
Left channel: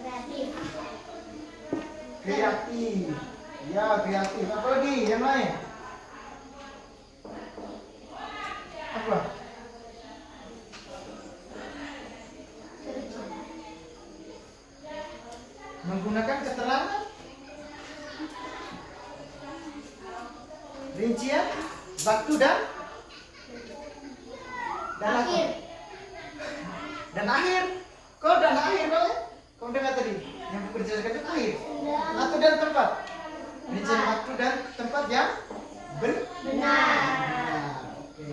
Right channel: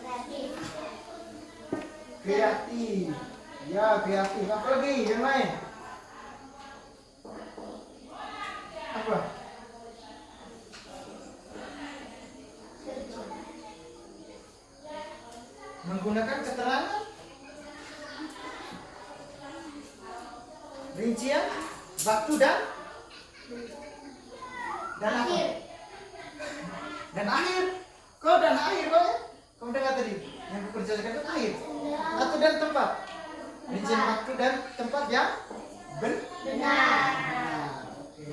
Kreatif. Kreatif. Ya, kreatif. Apa lagi yang lain? Apa? Kerja. Menggunakan keterangan, rincian, waktu dan apa? Akhir. Dan akhir. Kau dan akhir kau ya? Kau dengar tadi yang bekerja sekarang akhir. Waktu dan tempat. Rincian waktu dan tempat yang benar. Oke.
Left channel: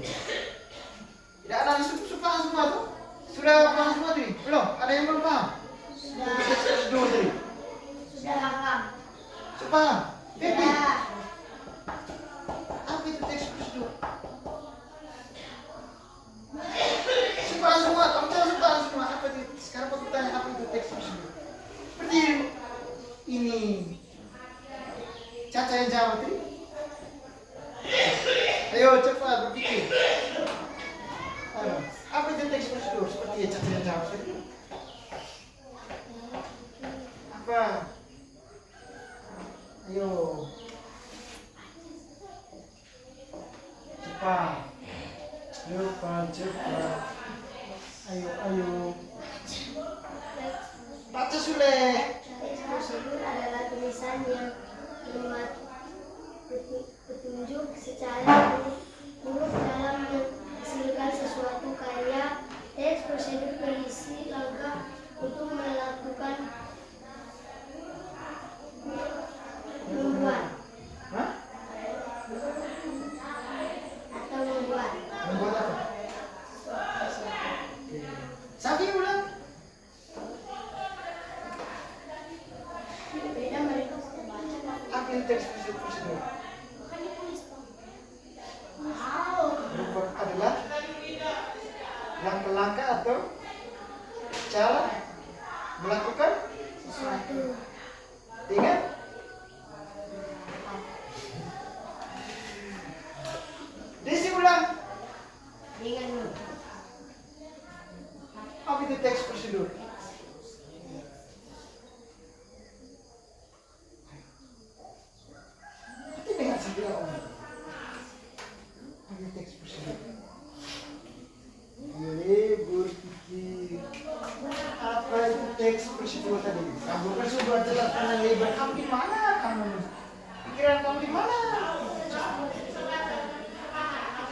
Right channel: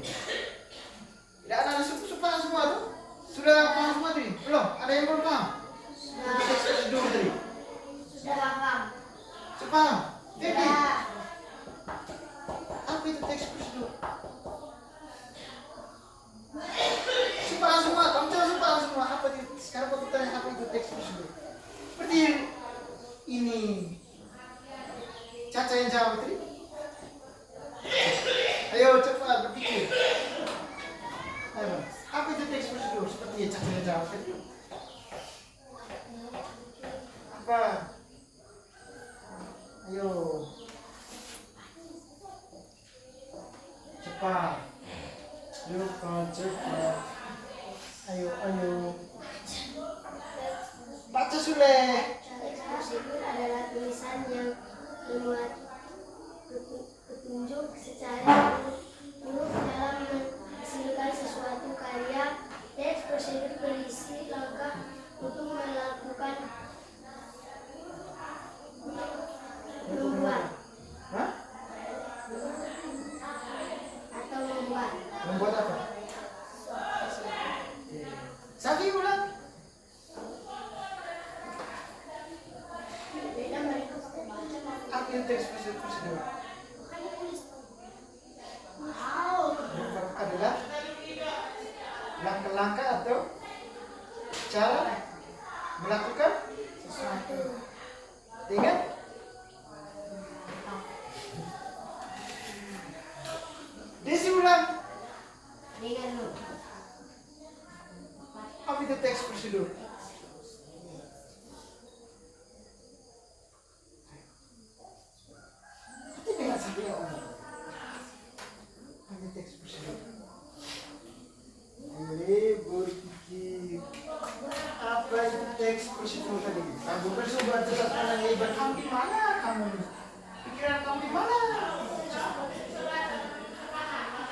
Tidak ada paham semua tuh? Sudah paham semua tadi? Belum? Ada yang belum paham? Teks prosedur tadi. Sudah paham. Sudah paham? Vicky, Sudah. apa itu teks prosedur? Sudah paham semua? Kamu jangan sudah paham semua. Apa itu? Sekarang aku tanya apa itu teks prosedur? Seperti ini. Caca yang jawab tadi. Ayo cepat berpikir. Ayo, apa itu teks prosedur? Seperti Caca yang jawab tadi. Apa? Ayo. Cepat. Cepat. Ayo. Baca Sule. Teks prosedur adalah tulisan yang memuat petunjuk secara huruf dalam menghasilkan sesuatu karya. Teks prosedur berisi langkah untuk melakukan membuat Hah? atau membuat. Membuat apa? Safi ulang. Beda mereka sudah baca kan? Apa itu teks prosedur? Wow. Membuat adalah langkah-langkah atau cara melakukan Sesuatu. dengan Desi ulang. Dengan Apa itu teks prosedur? Itu dengan sambil omong. Apa itu teks prosedur? Berpikir. Apa itu teks prosedur tadi? Kamu coba jelaskan yang lebar. Kamu di mana kamu? Pikiran kamu di mana?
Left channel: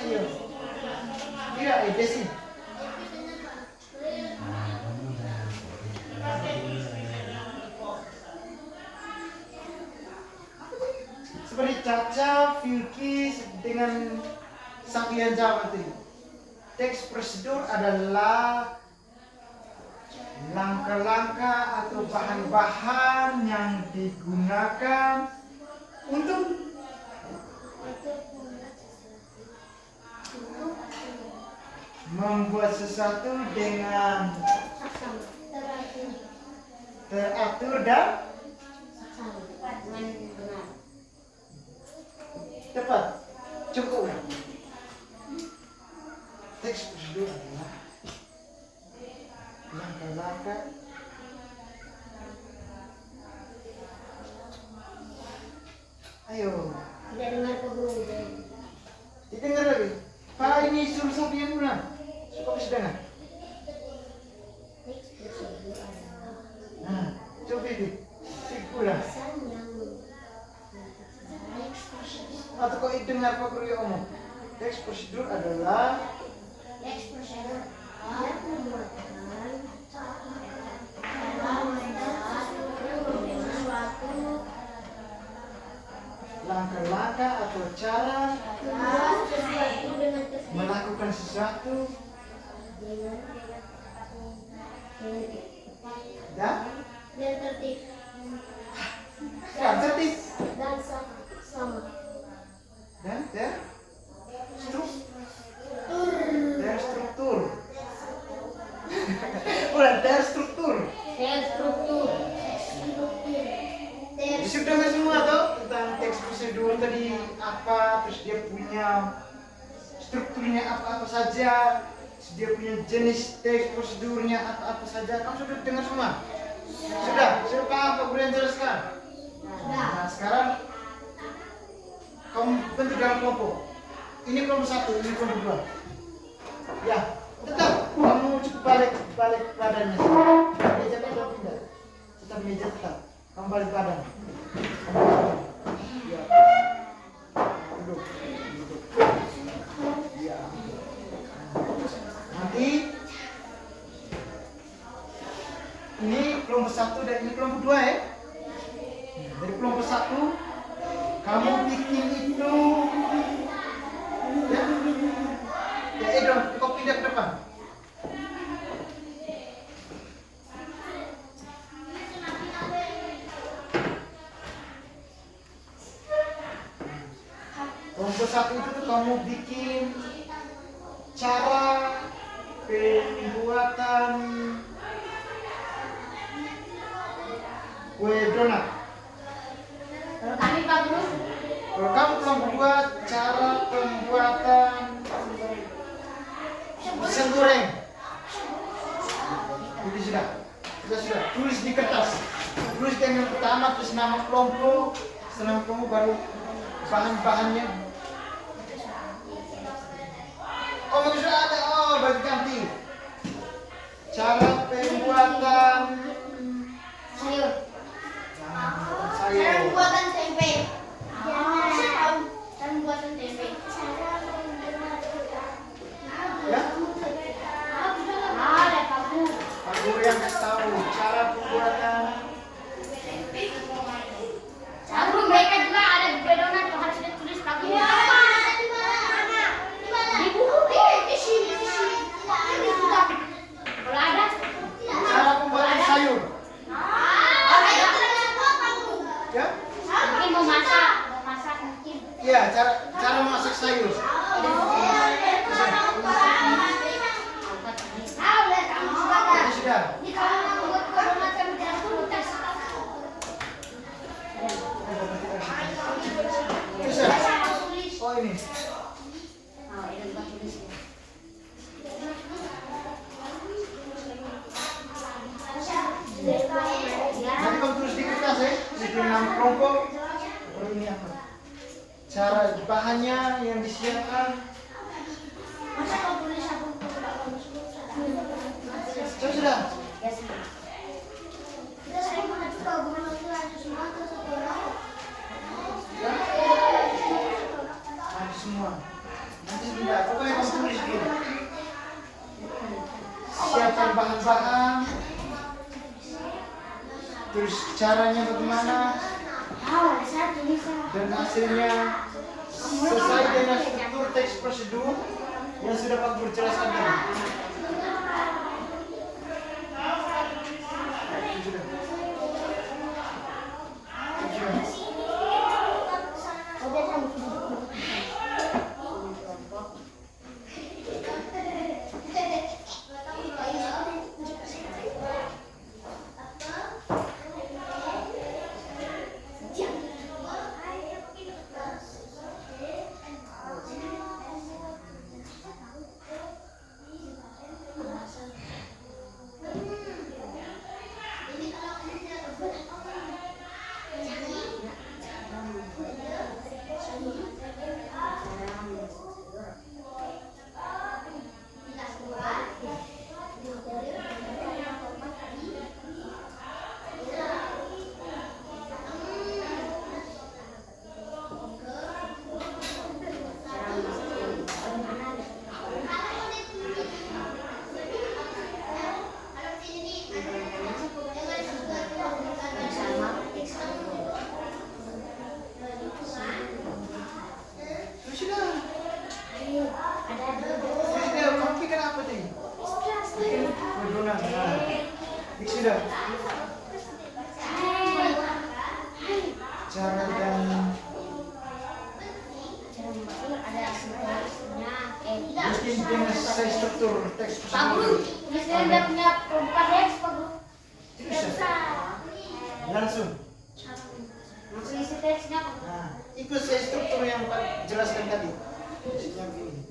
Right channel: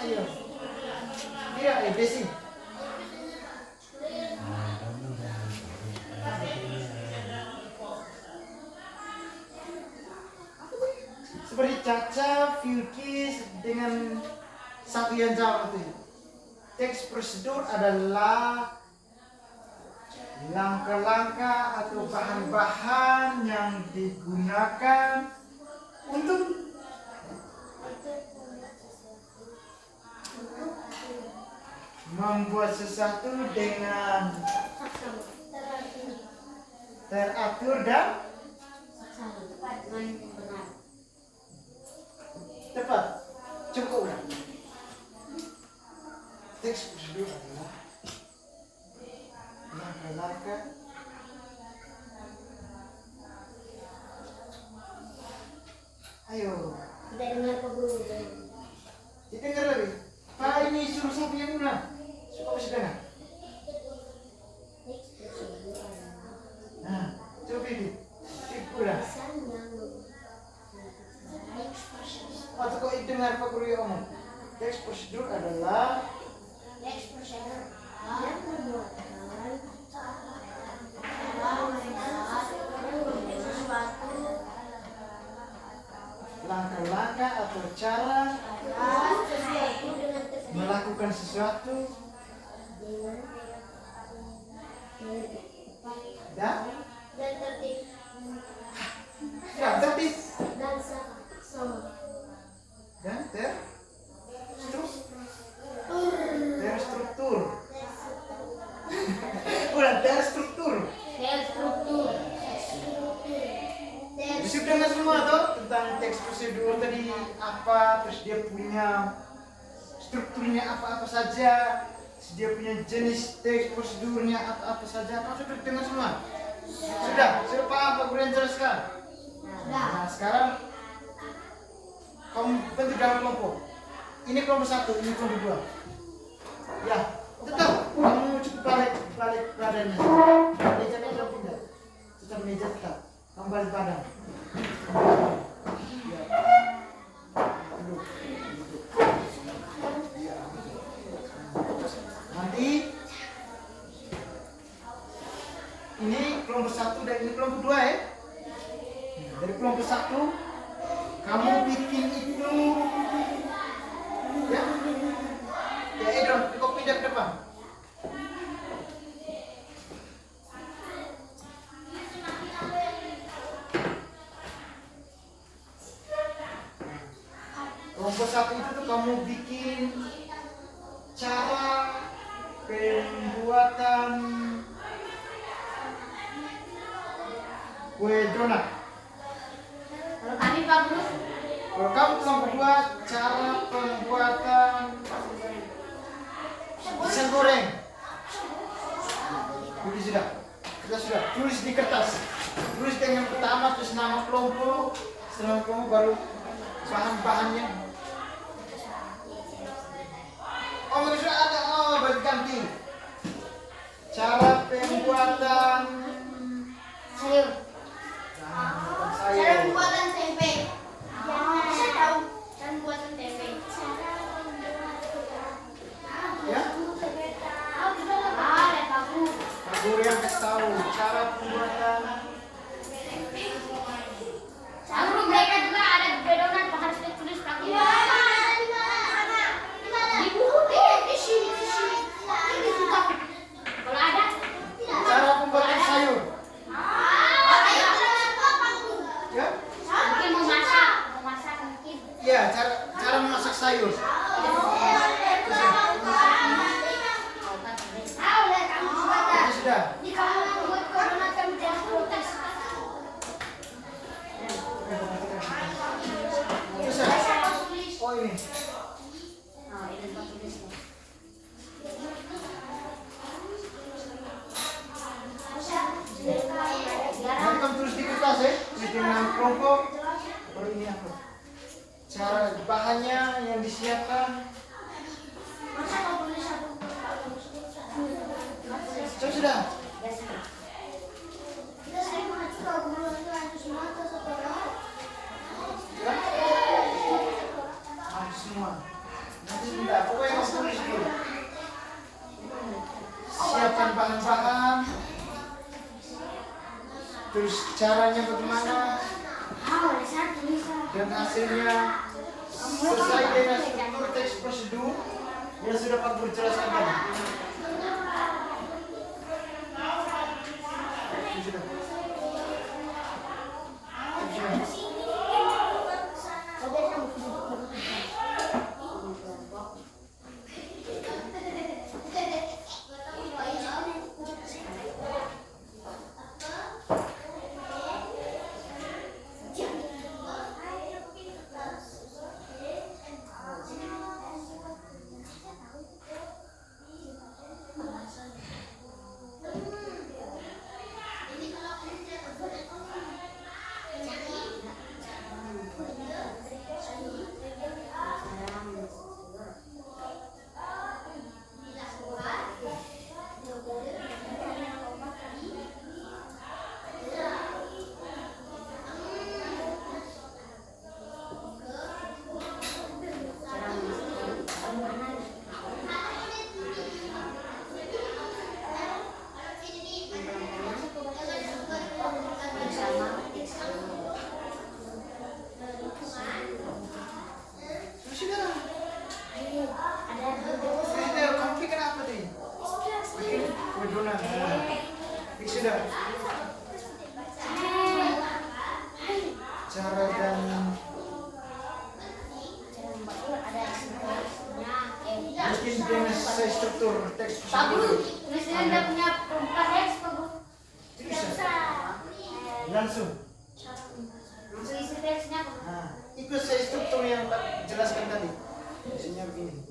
Ayo. Iya, Desi. Seperti Caca, Vicky dengan Safian Jawa tadi. Teks prosedur adalah langkah-langkah atau bahan-bahan yang digunakan untuk membuat sesuatu dengan teratur dan benar. tepat. Cukup. Teks prosedur adalah langkah-langkah ayo Tidak dengar Pak Guru. didengar lagi. Pak ini suruh Safi yang ulang supaya bisa dengar. Teks prosedur adalah Nah, coba ini ulang. tulisan yang teks prosedur. Atau kau dengar Pak Guru yang ngomong. Teks prosedur adalah Teks prosedur yang memuatkan suatu langkah-langkah atau cara sesuatu dengan tertib melakukan sesuatu dengan dan dan tertib tertib dan sama dan terstruktur. Udah terstruktur. Terstruktur. Sudah dengar semua tuh tentang teks prosedur tadi apa, terus dia punya strukturnya apa-apa saja, dia punya jenis teks prosedurnya apa-apa saja. Kamu sudah dengar semua? Sudah paham Pak Guru yang jelaskan? Nah, sekarang kamu bentuk dalam kelompok. Ini kelompok 1, ini kelompok 2. Ya, tetap kamu cukup balik badannya. Meja tetap pindah. Tetap meja tetap. Kamu balik badan. Ya. Duduk. Ya. Nanti ini kelompok 1 dan ini kelompok 2 ya. Dari kelompok 1 kamu bikin itu ya. Ya dong, kau pindah ke depan. Kelompok 1 itu tuh kamu bikin cara pembuatan kue donat. Kalau kami Pak Guru, Kalau kamu kelompok 2 cara pembuatan pisang goreng. Ini sudah. Tulis di kertas. Tulis yang pertama, terus nama kelompok, setelah kelompok baru bahan-bahannya. Oh, sudah ada. Oh, bagi ganti. Cara pembuatan sayur. Cara pembuatan tempe. Saya tahu cara pembuatan tempe. Ya. Ada Pak Guru. Pak Guru yang kasih tahu cara pembuatan. Pak Guru, mereka juga ada donat harus ditulis Pak Guru. Di buku di sini. Ini sudah. Kalau ada. Cara pembuatan sayur. Ya. Mungkin mau masak mungkin. Iya, cara memasak sayur. Ya, sudah. Bisa. Oh, ini. Nanti kamu tulis di kertas ya, dengan kelompok. Oh, ini apa? Cara bahannya yang disiapkan. Sudah. Ada semua. Nanti sudah. Pokoknya kamu tulis dulu. Siapkan bahan-bahan. Terus caranya bagaimana dan hasilnya sesuai dengan struktur teks prosedur yang sudah Pak Guru jelaskan tadi. Sudah. Sudah. Cara dan mungkin dengan sesuai struktur teks Pak Guru, misalnya dia punya perempat teks Pak Guru. bisa langsung. Langsung isi teksnya. Nah, ikut sesuai struktur yang Pak jelaskan tadi. Isinya begini.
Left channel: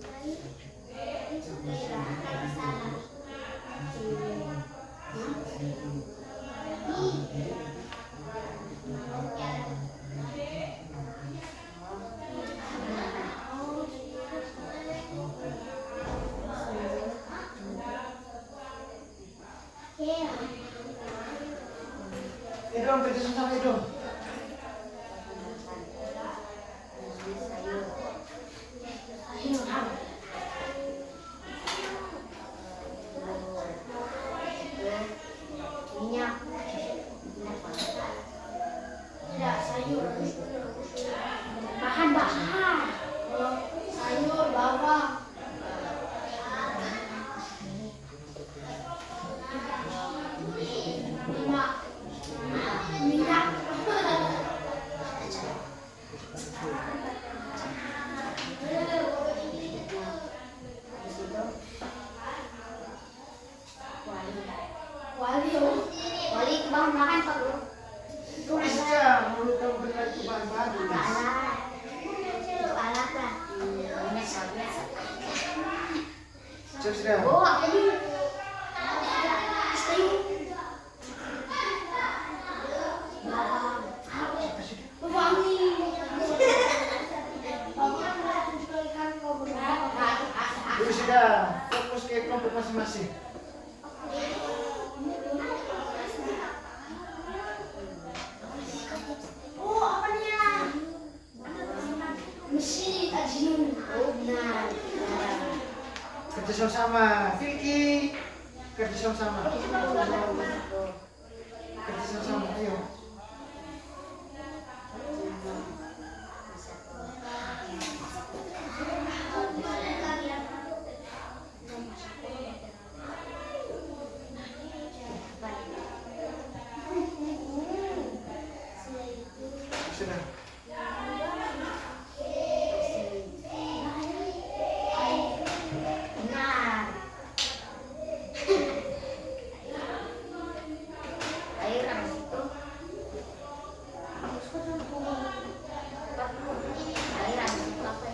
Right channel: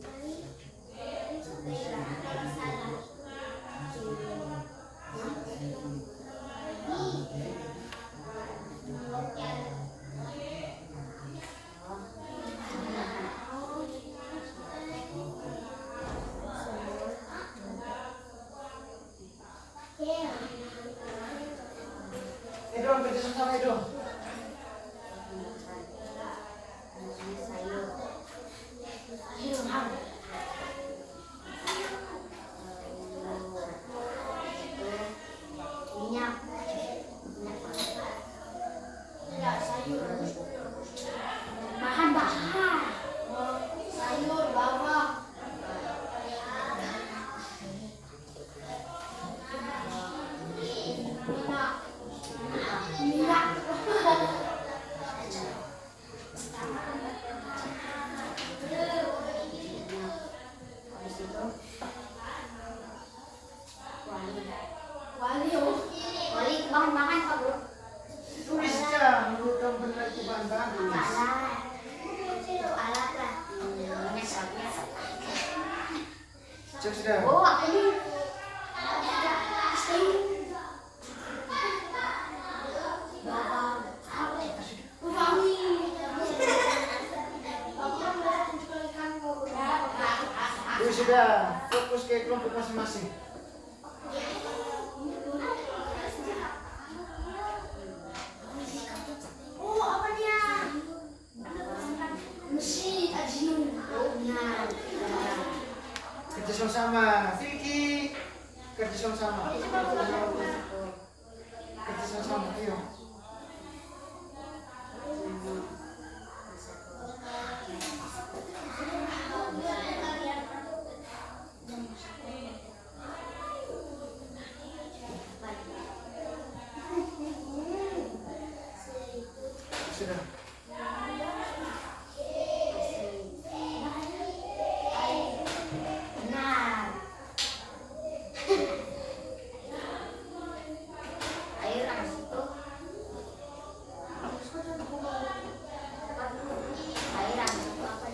dong, pwede sampai dong. Tidak, sayur. Bahan-bahan. Sayur, bawang. Minyak. Wali bahan makan Pak Bro. Tulis aja, menurut kamu benar itu bahan-bahan tulis. Alat. Itu alat lah. Minyak sapinya. Cek sudah. Oh, apa nih? Bawang. Wangi. Tulis sudah, fokus ke kelompok masing-masing. Oh, apa dia? Mesin ajiun. Oh, benar. Kerja sama-sama, Vicky. Kerja sama-sama. Kerja sama-sama, ayo. Sudah. Benar. Ayo orang situ. Ayo orang situ apa?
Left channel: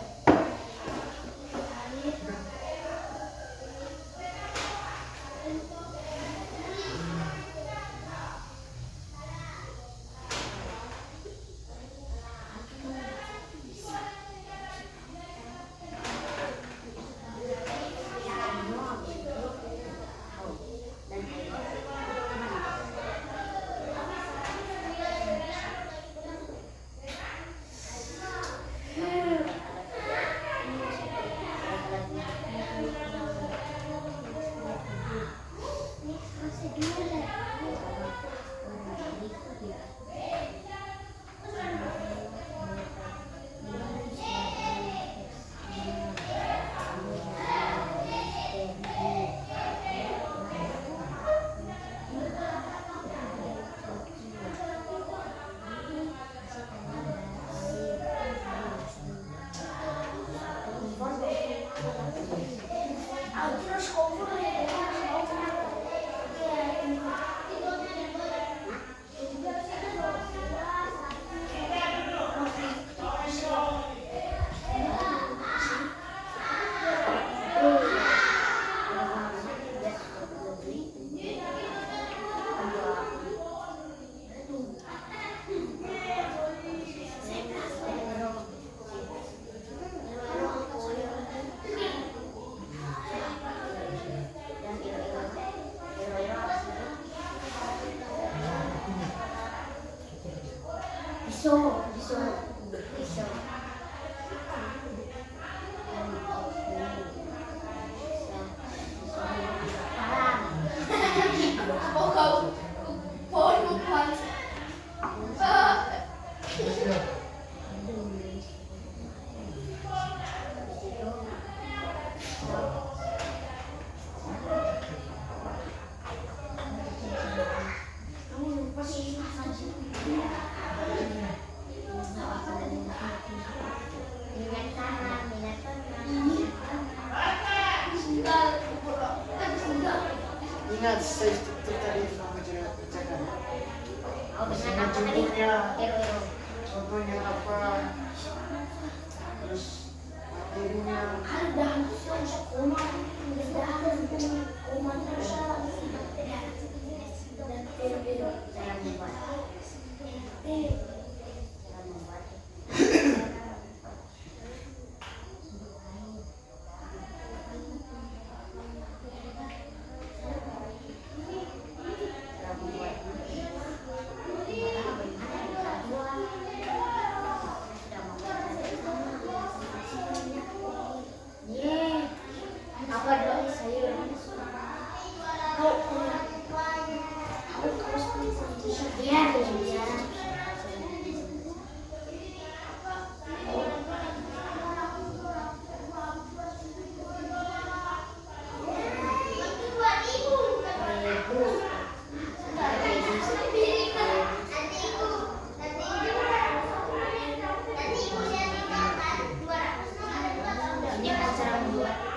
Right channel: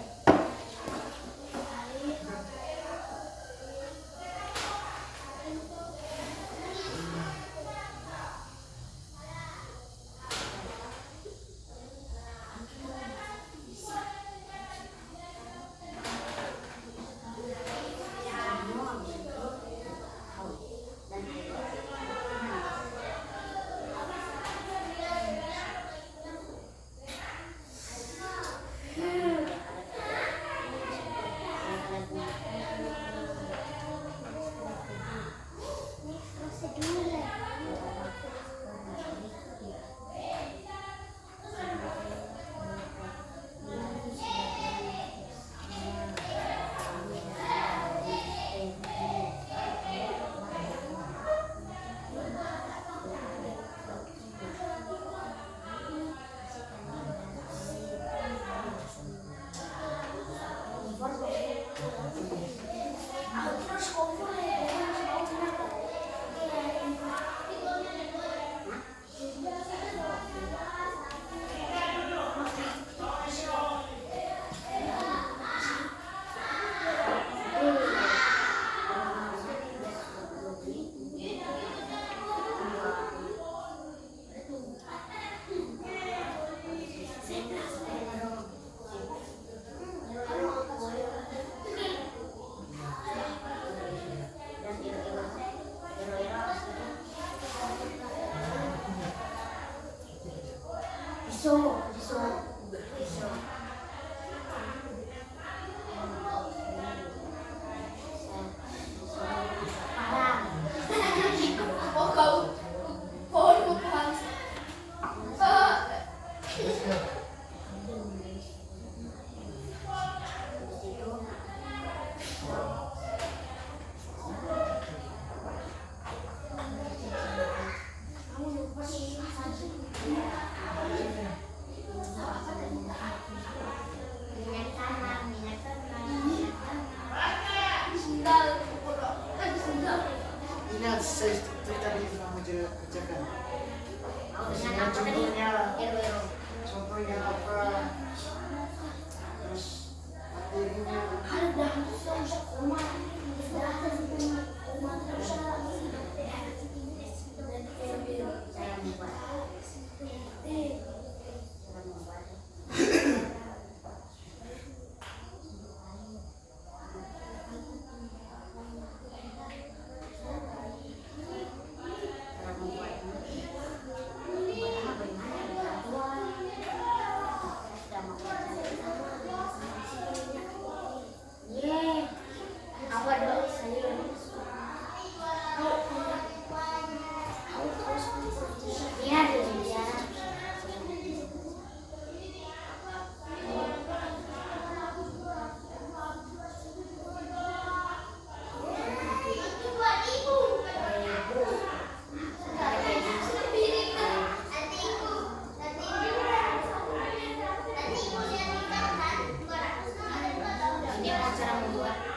Pisau. Oh, kau. Oh, bukan. Ingat, saya struktur tadi yang kamu kerjakan. Misalnya contohnya, contohnya apa? Terus materinya. cara membuat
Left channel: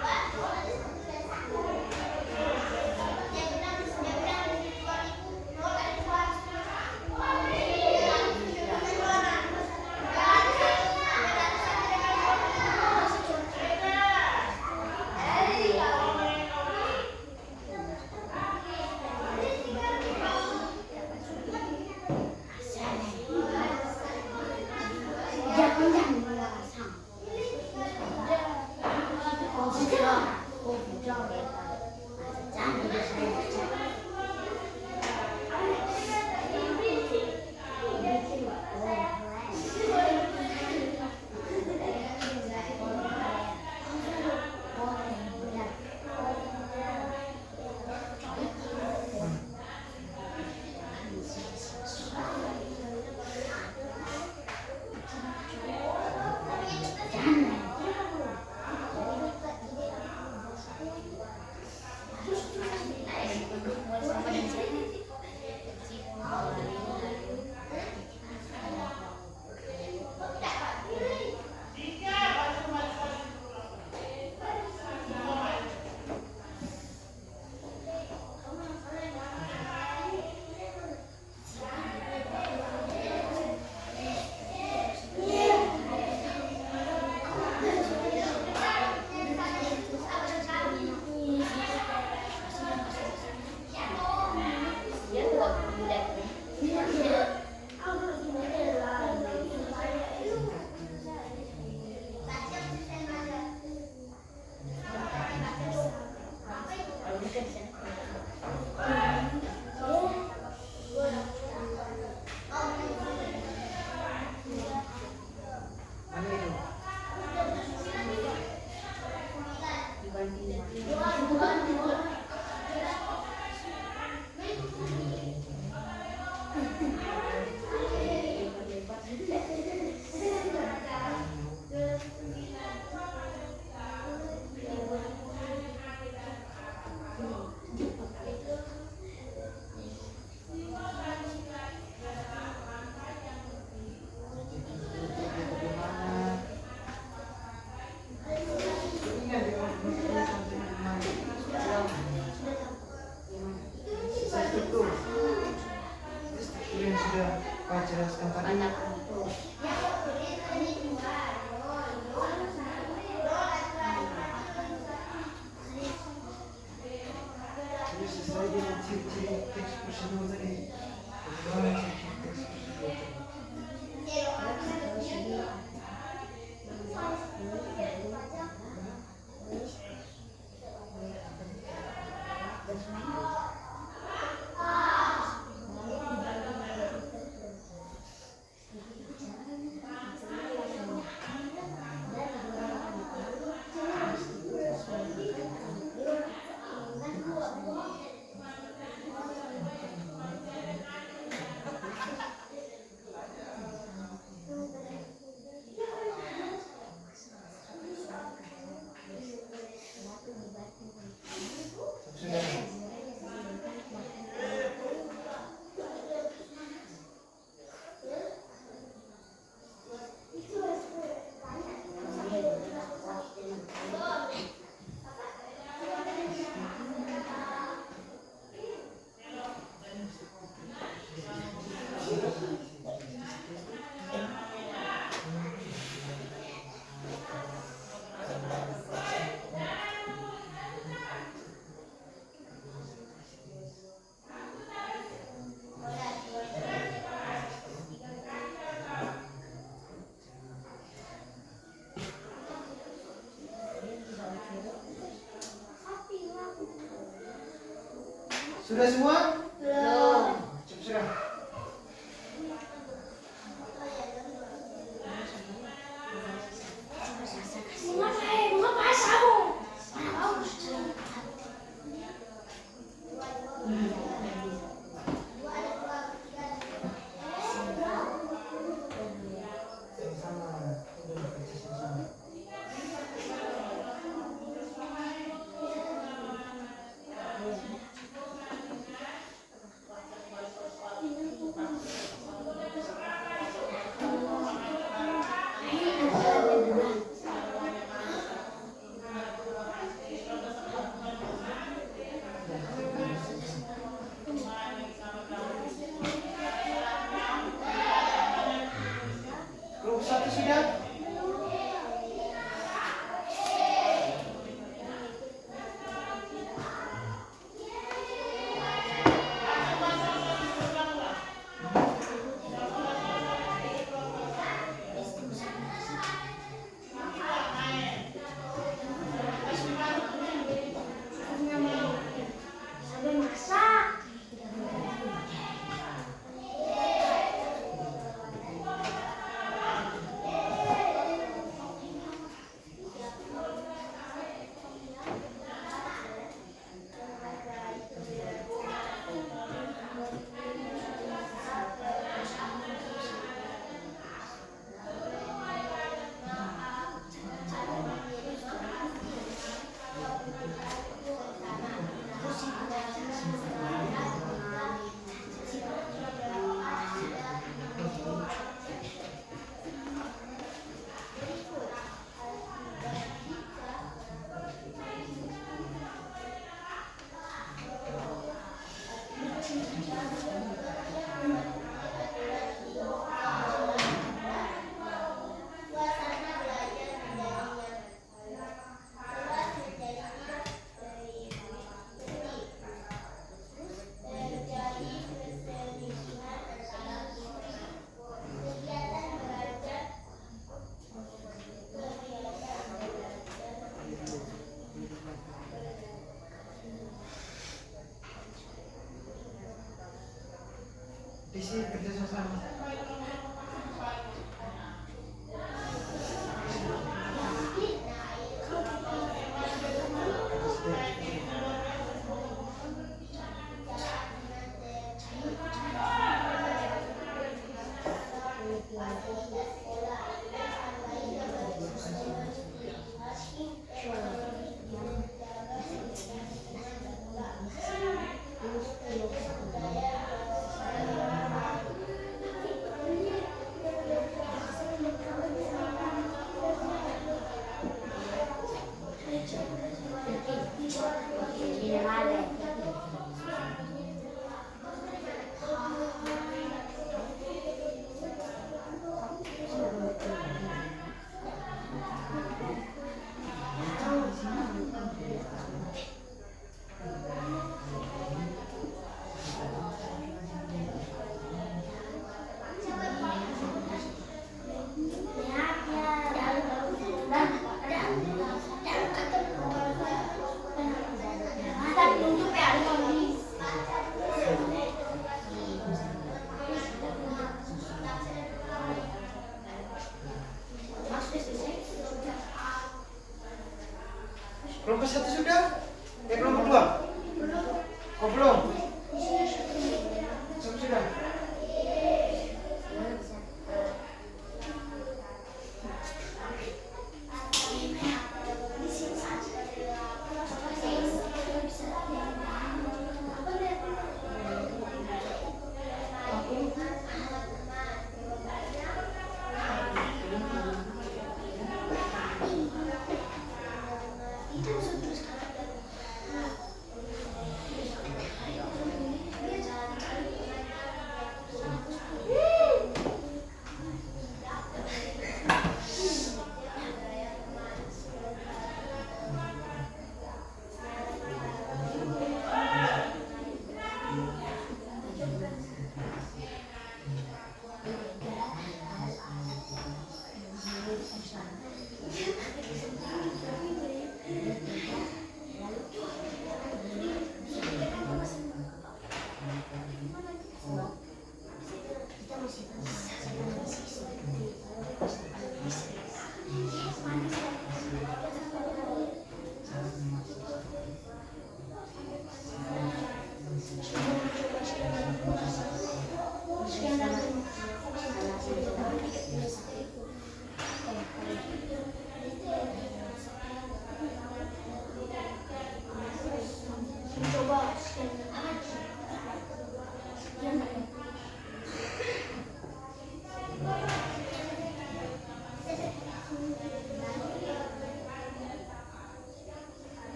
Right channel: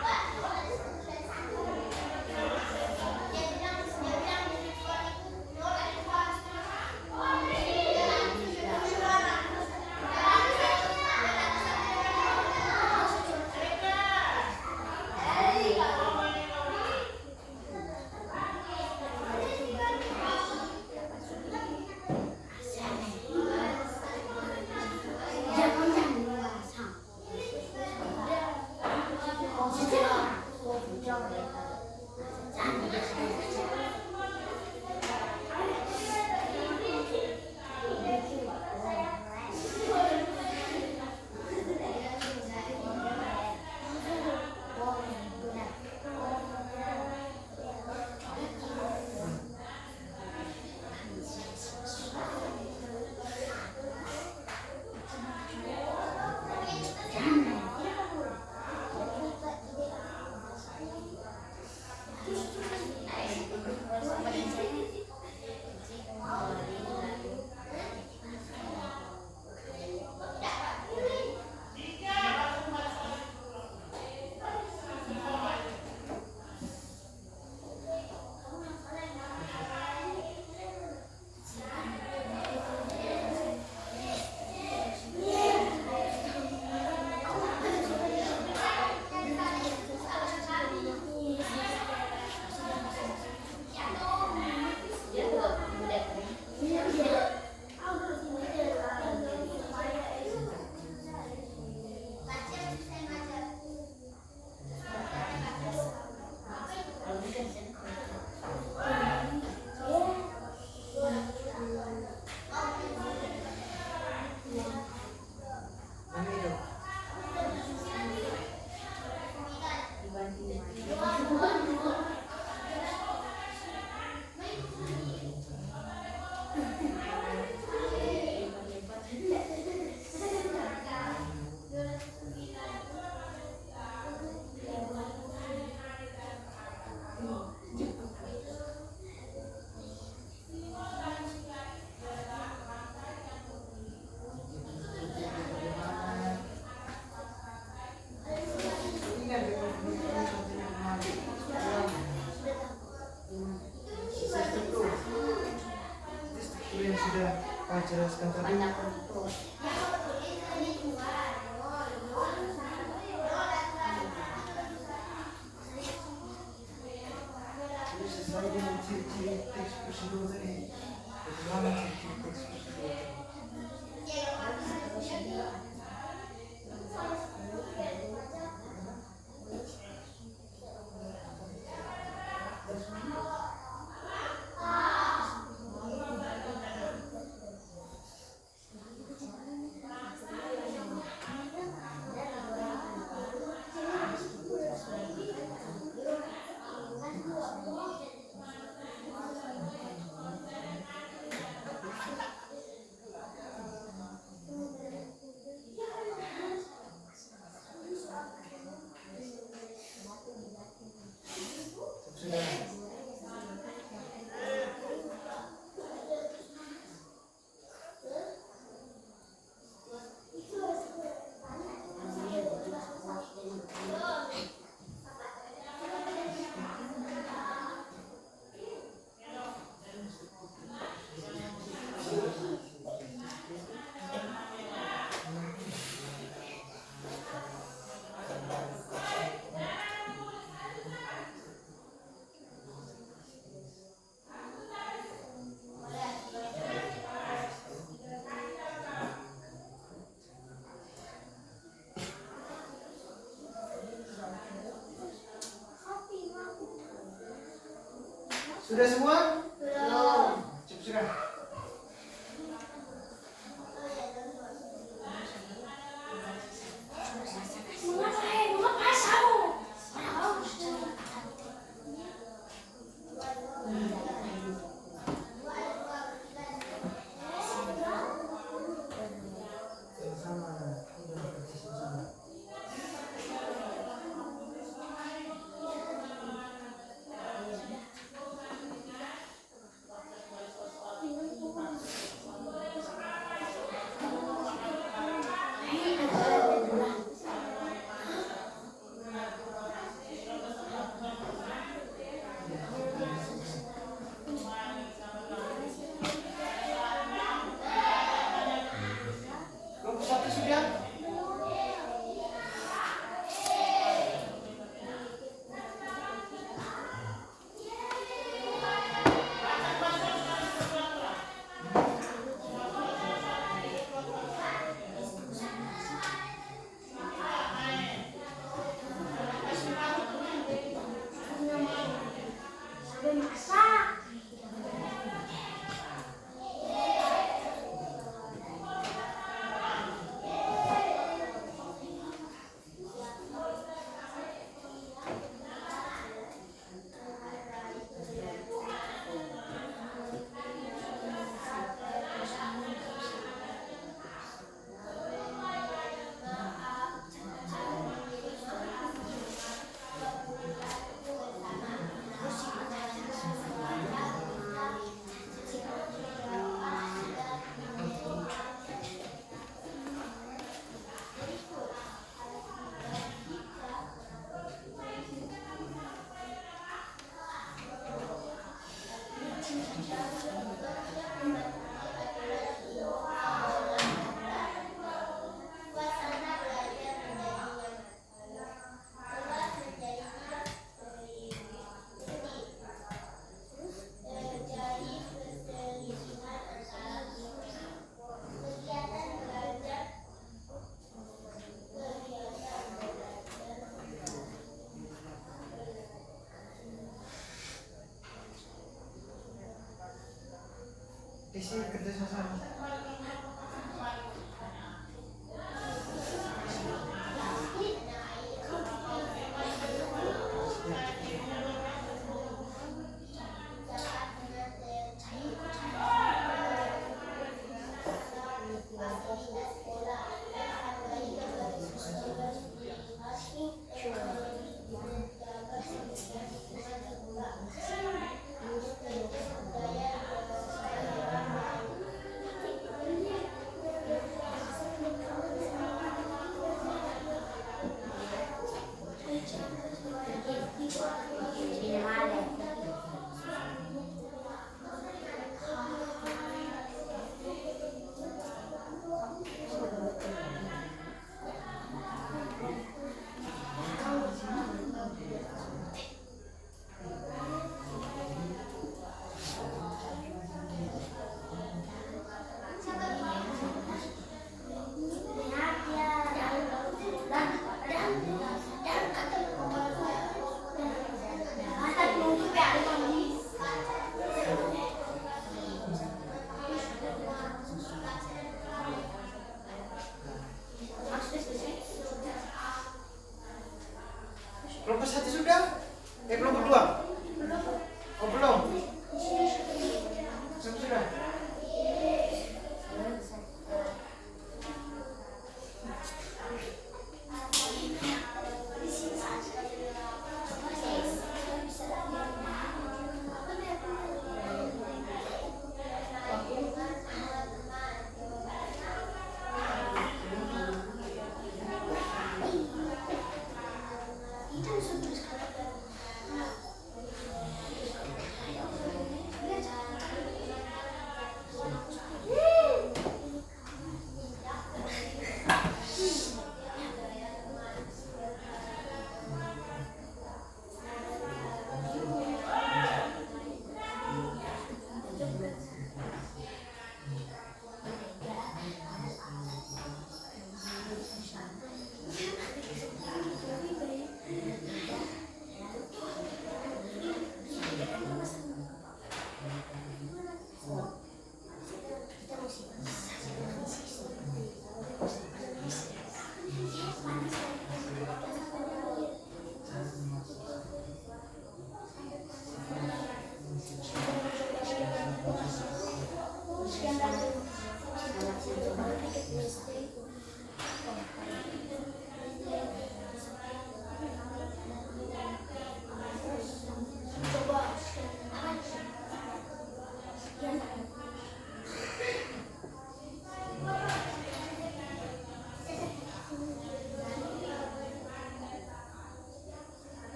yang sudah Pak jelaskan tadi. Jadi sesuai dengan ciri-ciri teks prosedur tadi. Bagaimana ciri-ciri teks prosedur tadi? Sudah semua? Belum. Cukup sudah. Isi kerja sama. Kelompok 1 sudah? Kelompok 2? Oh belum? Sudah.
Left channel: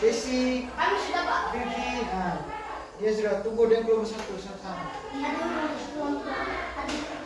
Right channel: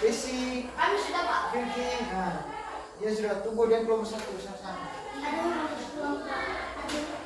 Desi, Kami sudah Pak. Vicky, nah, dia sudah tunggu dan belum satu sana. Aduh, belum Pak. Aduh.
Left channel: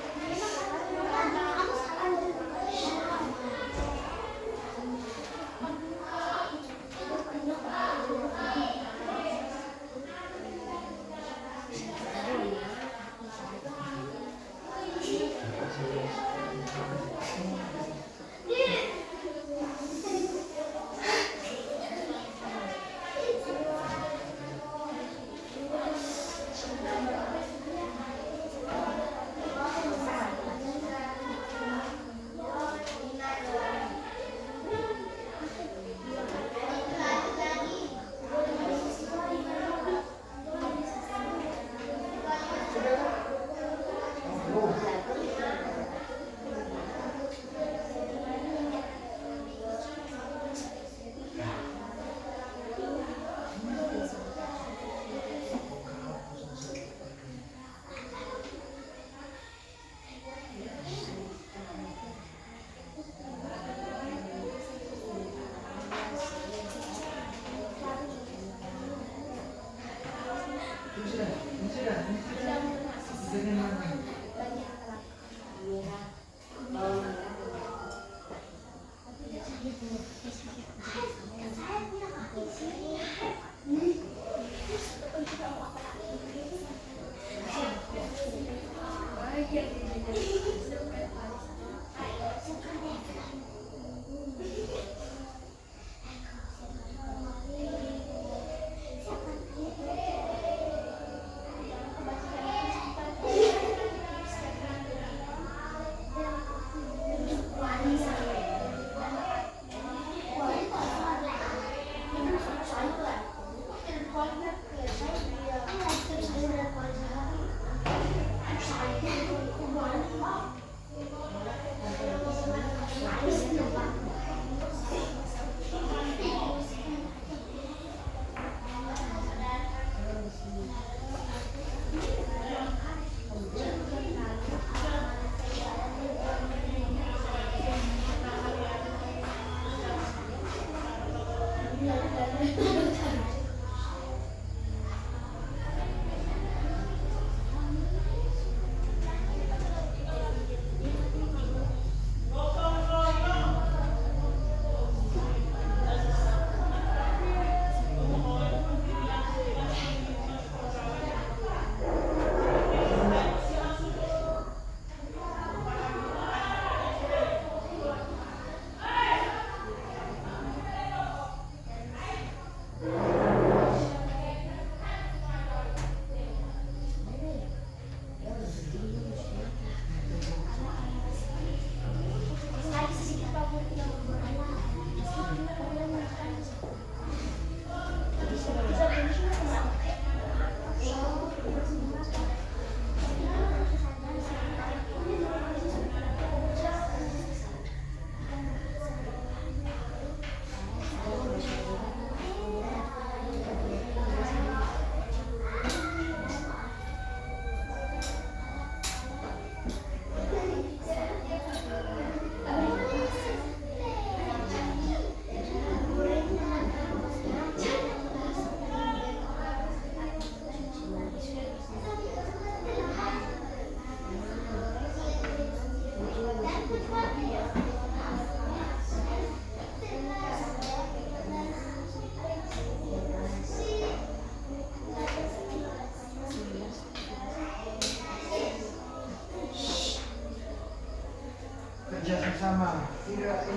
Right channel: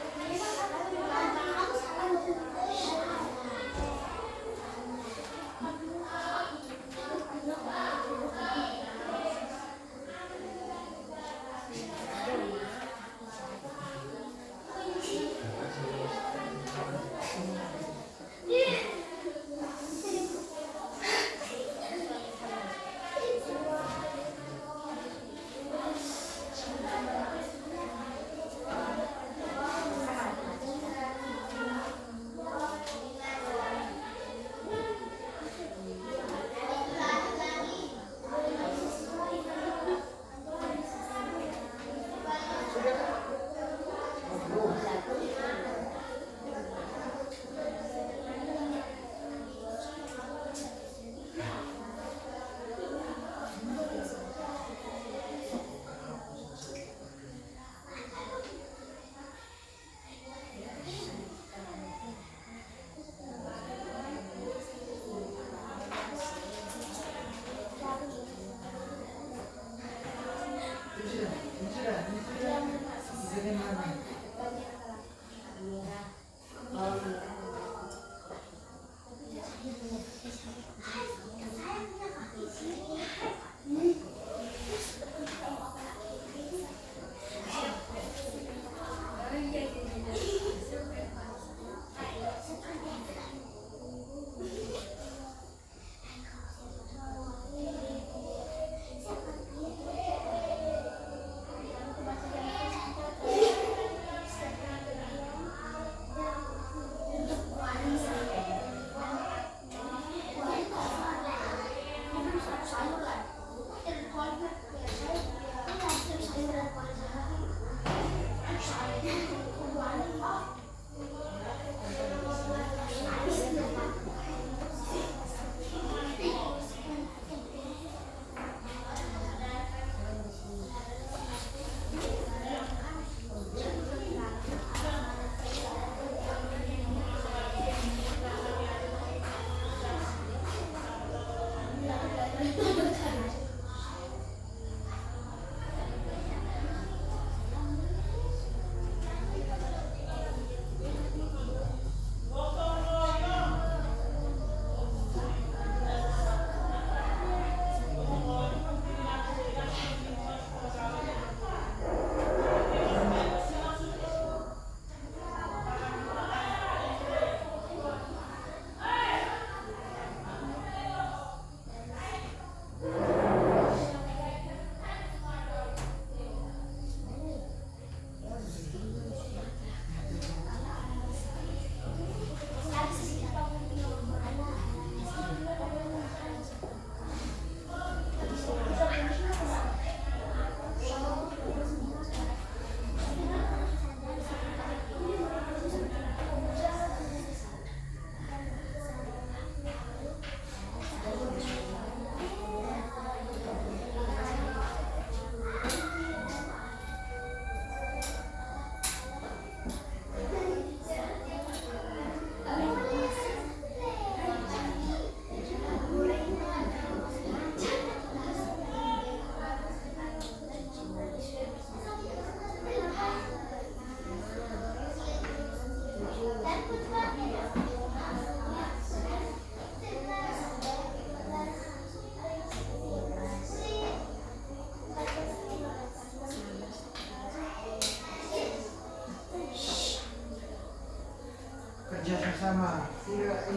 Kerja sama.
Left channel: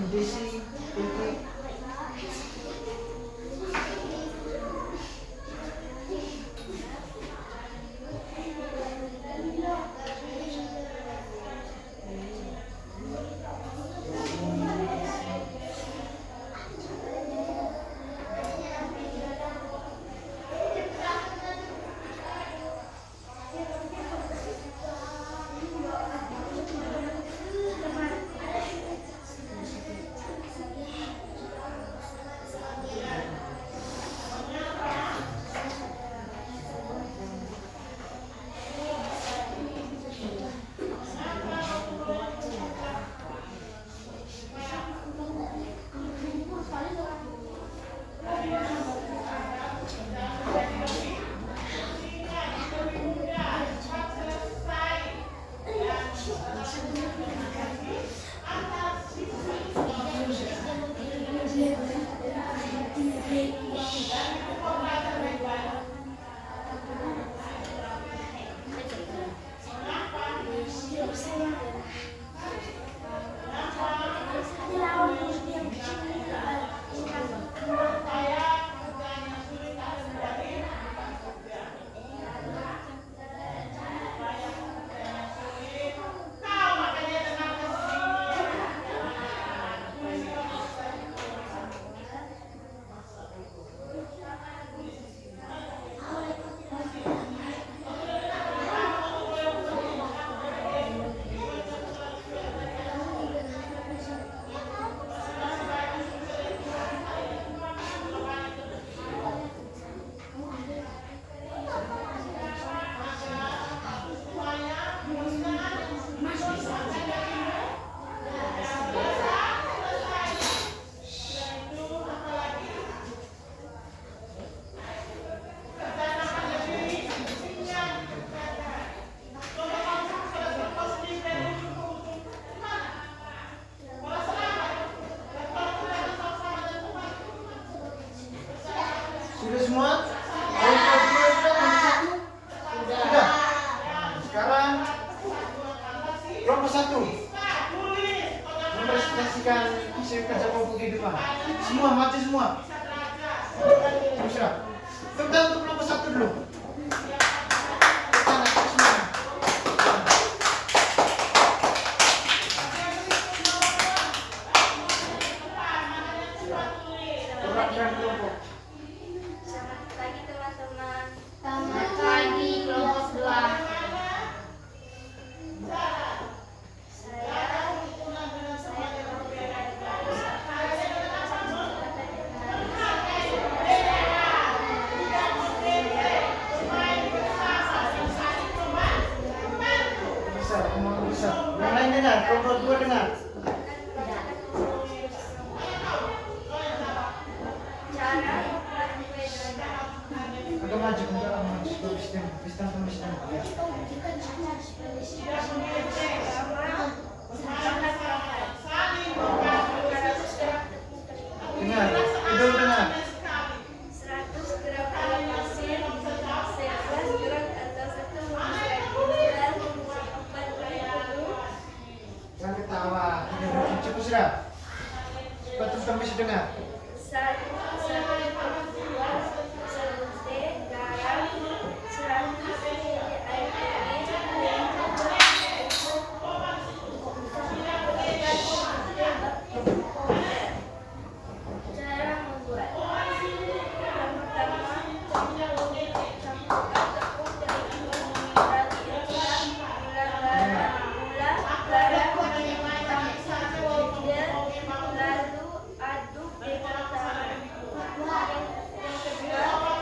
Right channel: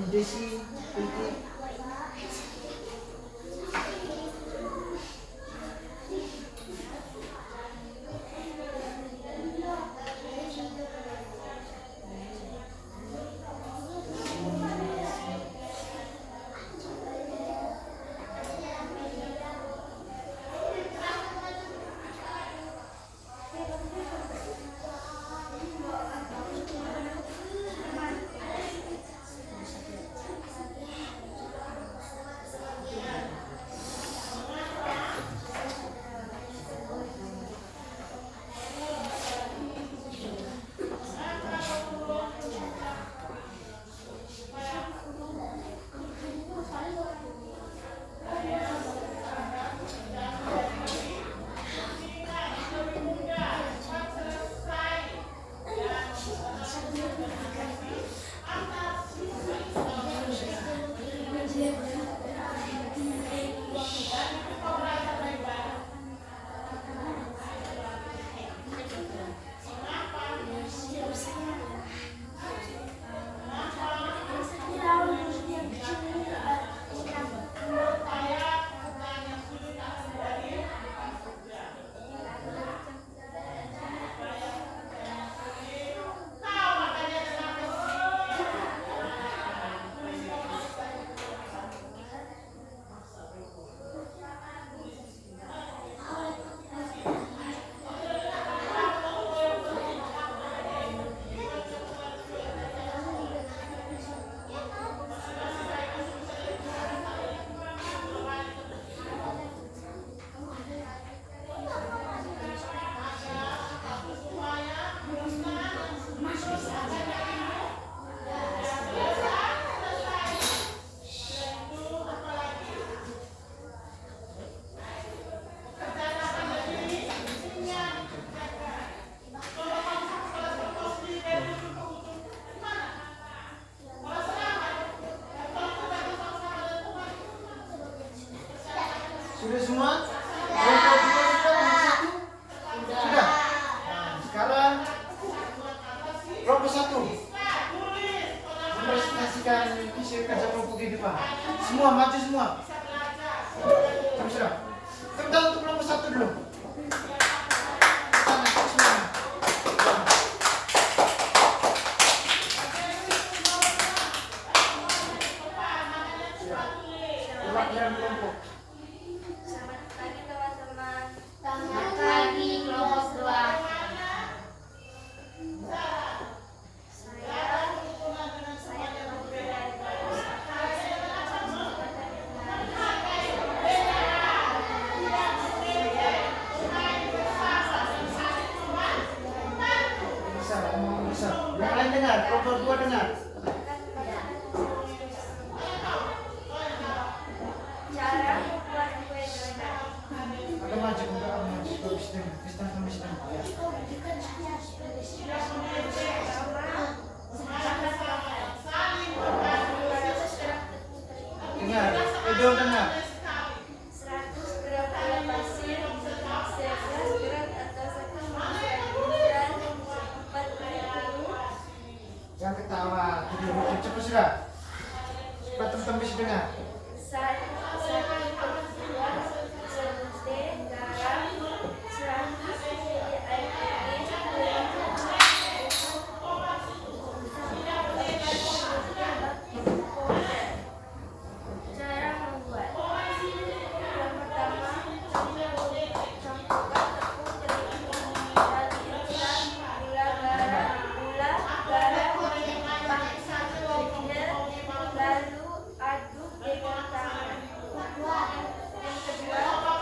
Desi, Vicky. Sudah semua? Kelompok 2 sudah, kelompok 1? Sudah. Nah, sekarang kelompok 1 mempresentasikan hasil kerja kelompok kehidupan. Semua maju semua. Sudah. Tepuk tangan untuk kelompok 1 dulu. Sana, semua. Selamat pagi teman-teman. Selamat pagi kelompok 2. Bisa. Yang lain dengar, kelompok 2 dengar. Agak maju, agak maju. Pistang. Ya. Dengar, Edo dengar. 100 gram gula pasir, 11 gram atau 1 dan 40. Jangan ketawa. Cepat sudah. Cepat teman-teman bisa dengar. 1 buah sabun teh, garam, 100 ml air putih, cara membuat. Yang pertama, campurkan tepung terigu, ragi instan, gula, garam, lalu aduk dengan tangan. Yang kedua,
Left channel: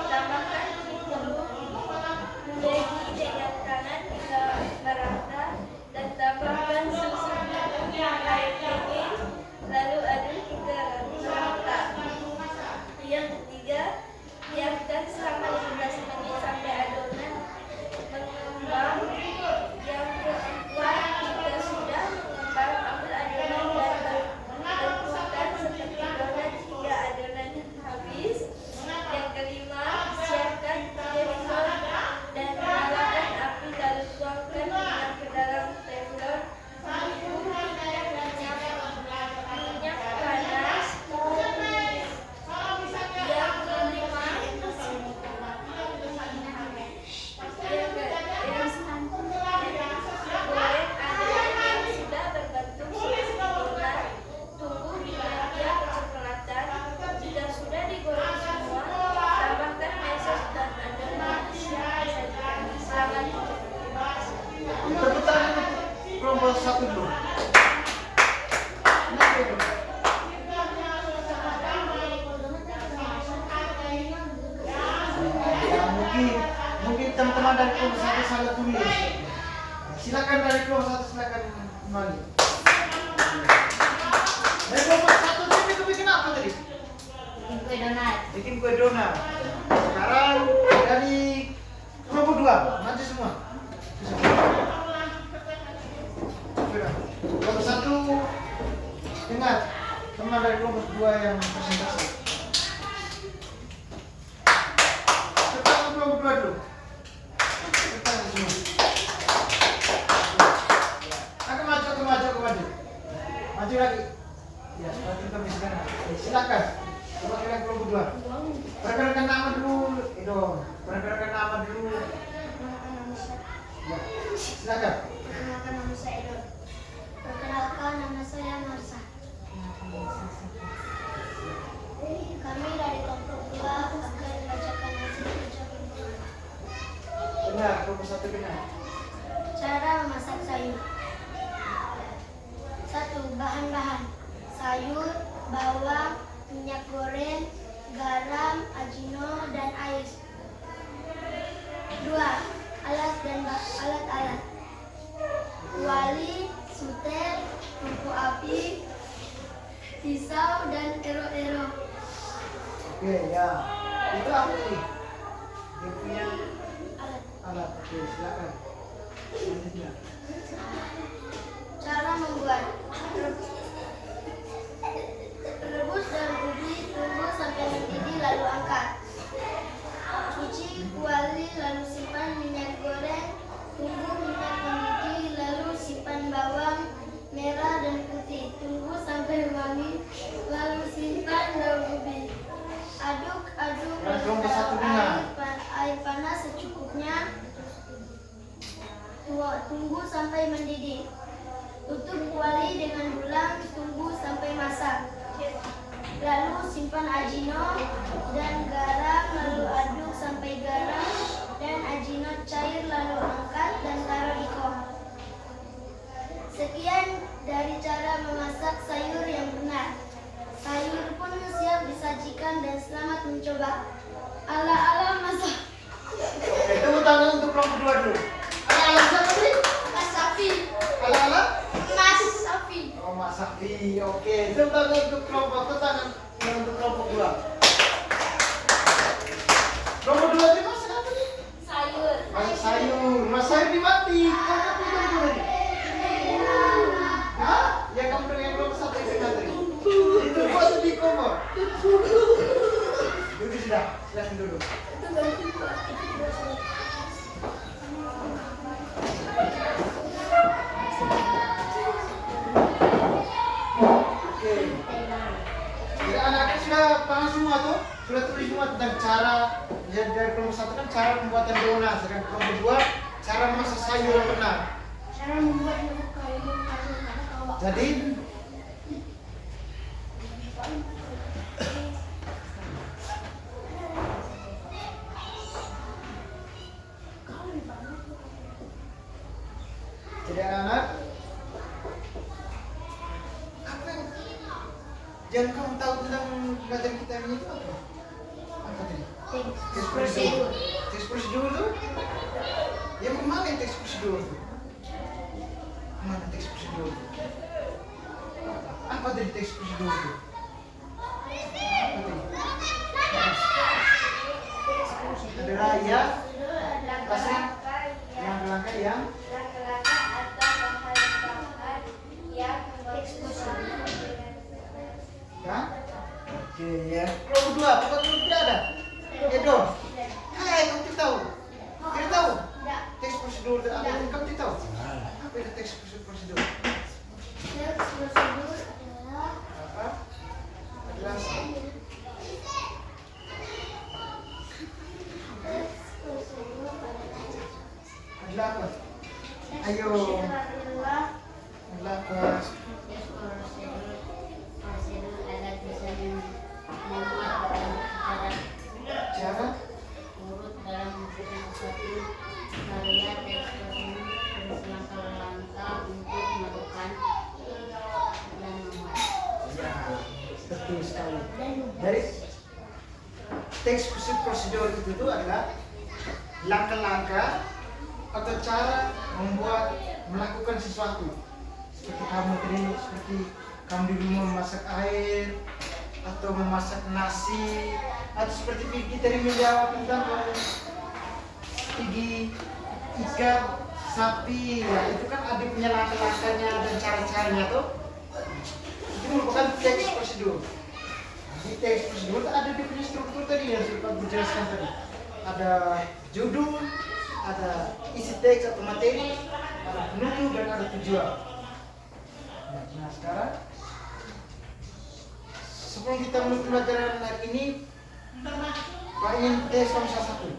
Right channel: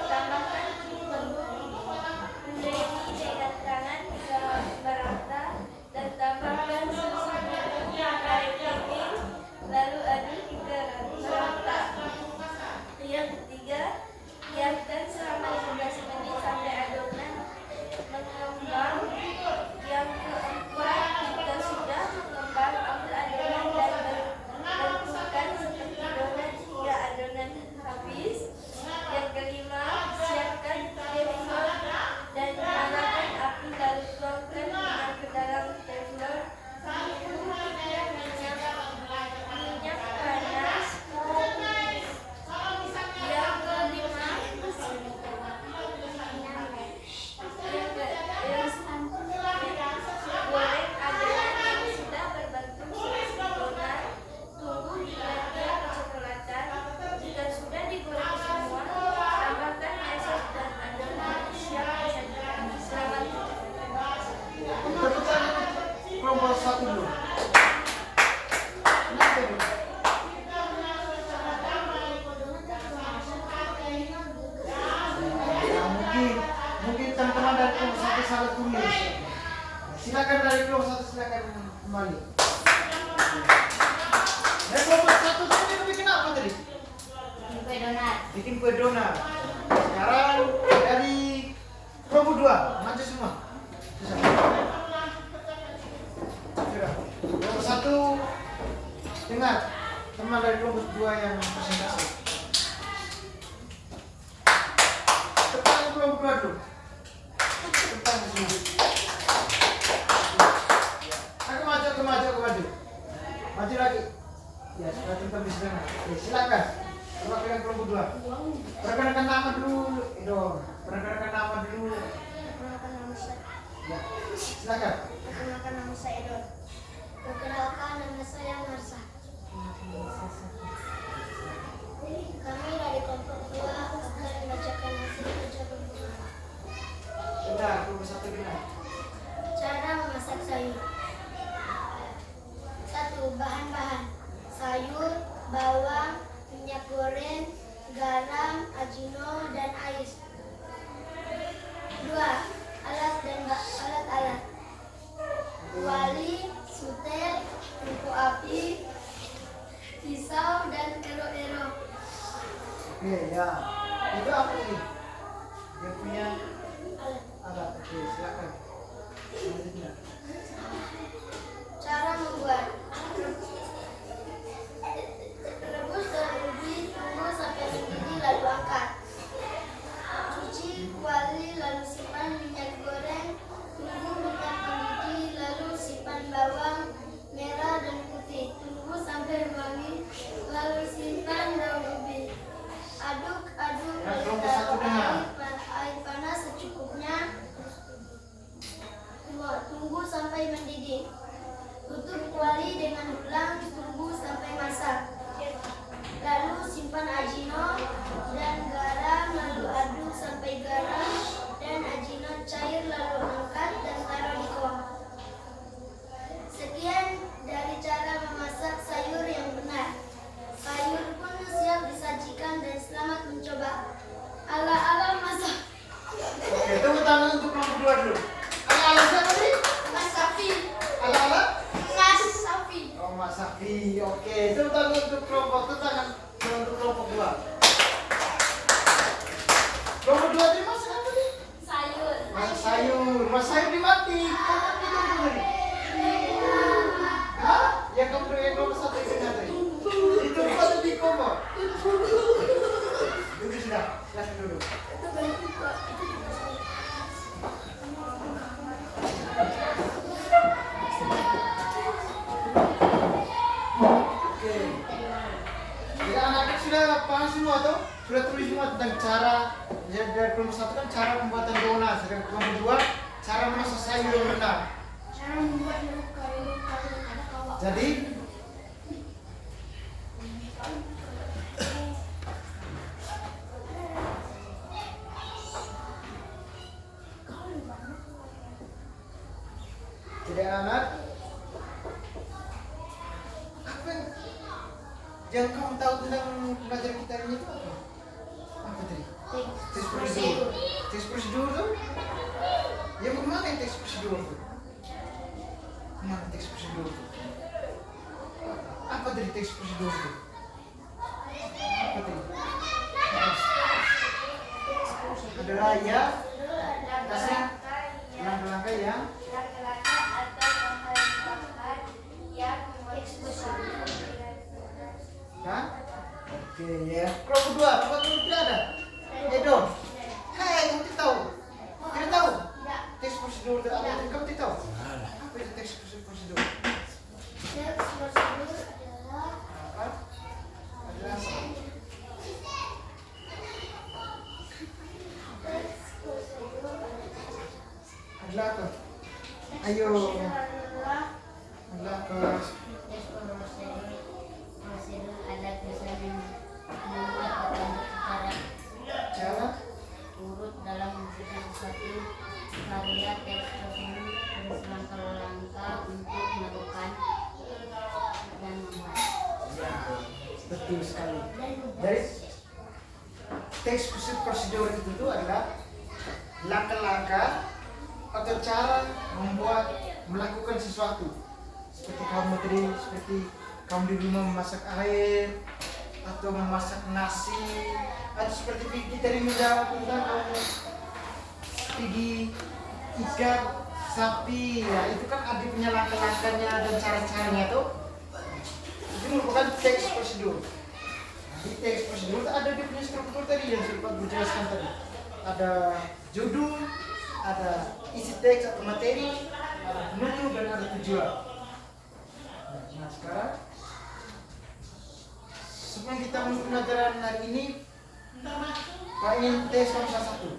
tambahkan tepung mulai dengan tangan hingga merata dan tambahkan susu dan air dingin, lalu aduk hingga merata. Yang ketiga, biarkan selama 15 menit sampai adonan mengembang. Yang keempat, jika sudah mengembang, ambil adonan dan bentukkan seperti donat hingga adonan habis. Yang kelima, siapkan teflon dan nyalakan api lalu tuangkan minyak ke dalam teflon. Minyak panas. Yang kelima, goreng adonan yang sudah berbentuk seperti donat. Tunggu hingga dia kecoklatan. Jika sudah digoreng semua, tambahkan mesos dan adonan siap disajikan. Selamat Tepuk tangan untuk kelompok 1 dulu. Kenapa itu? Ya, mungkin teman-teman dari kelompok 1 salah tulis. Silakan dari kelompok 1 silakan kembali. Dari kelompok 1 tadi bikin apa tadi? Kue donat. Bikin kue donat. Sekarang dari kelompok 2 maju semua. Sudah. Kelompok 1 dengar teman dari kelompok 2 yang presentasi. Tepuk kelompok 2 dulu. Tepuk semua. Aku maju. Maju lagi. Ya, seperti itu bisa. Silakan. Perkenalkan kelompok 2. Perkenalkan nama dulu, Edo. Perkenalkan nama dulu. Ya, silakan. Perkenalkan nama saya Edo. Perkenalkan, nama saya Marsa. Kami dari kelompok 2 akan membacakan hasil kerja kelompok. Dengar, kelompok 1 dengar. Cara memasak sayur. 1. Bahan-bahan: sayur, bawang, minyak goreng, garam, ajino, dan air. 2. Alat-alat: kuali, suter, tungku api, pisau, dan ero-ero. Oke, ya. Itu apa sih? Dia punya alat. Oke, silakan. Selanjutnya. Cara membuat: rebus dalam ubi, tunggu sampai mendidih lalu angkat. Kelompok 1 dengar. Air panas secukupnya. Tunggu sampai mendidih. Tutup kuali dengan dulang, tunggu sampai masak. Lalu simpan ajino dan garam, lalu aduk sampai garam dan ajino cair, lalu angkat dan taruh di kol. Sekian dari cara memasak sayur yang benar. Sayur pun siap disajikan dan selamat mencoba. Ala-ala masak. Oke, tepuk tangan untuk kelompok 2 dulu. Ala-ala siapa tadi? Mas Safi. Ala-ala? Mas Safi. Oh, Mas Safi. Oke, tepuk tangan untuk kelompok 2. Kelompok 2 tadi masak apa nih? Sayur. Masak sayur. Masak sayur di mati. Kamu tidak tadi? Hah? Yang kamu dengan kelompok 1 itu tadi? Itu buat di kompor. Duduk sudah. Silahkan duduk. Oke. Jadi anak-anak sudah paham semua tuh? Sudah tulis semua tentang cara ya, dari kelompok 1 kan cara pembuatan donat, sedangkan kelompok 2 cara memasak sayur yang benar. Cara membuat sayur ada kawak. Jadi anak apa yang kamu tahu tentang pelajaran kita ini itu apa? Apa tadi? Tes prosedur. Tes prosedur tuh? Ya kemana tes prosedur tuh? Kemana tes prosedur tuh? Apa tadi tes prosedur tuh? Apa tadi? Ada raya, kasih langkah-langkah yang kan? Oke ya. Kelompok 2, apakah kamu tidak ada? Edo. Hai, kamu tidak tahu? Tidak tahu? Teks prosedur itu apa? Kamu tidak tahu? Apa itu teks prosedur? Teks prosedur adalah Apa? Adalah apa? Adalah apa? Ayo. Adalah apa? Cara urut dalam menentukan satu karya teks tersebut terus langkah-langkah untuk melakukan dan membuat. ya, betul sekali. Dari teks prosedur itu tuh adalah langkah-langkah atau cara melakukan sesuatu. Seperti kamu di rumah memasak air atau memasak nasi, atau seperti Vicky tadi menjawab tentang gigi ikan sapi, ya itu kan ada punya langkah-langkahnya dan cara-caranya tuh. Itu merupakan teks prosedur. Di teks prosedur ada dia punya struktur tadi yang sempat dijelaskan tadi. Ada judul, ada isi teks atau materi, ada penutup dan ada tujuan. Nah sekarang sebelum kita menutup pelajaran hari ini, Pak ingin tes kamu salah satu.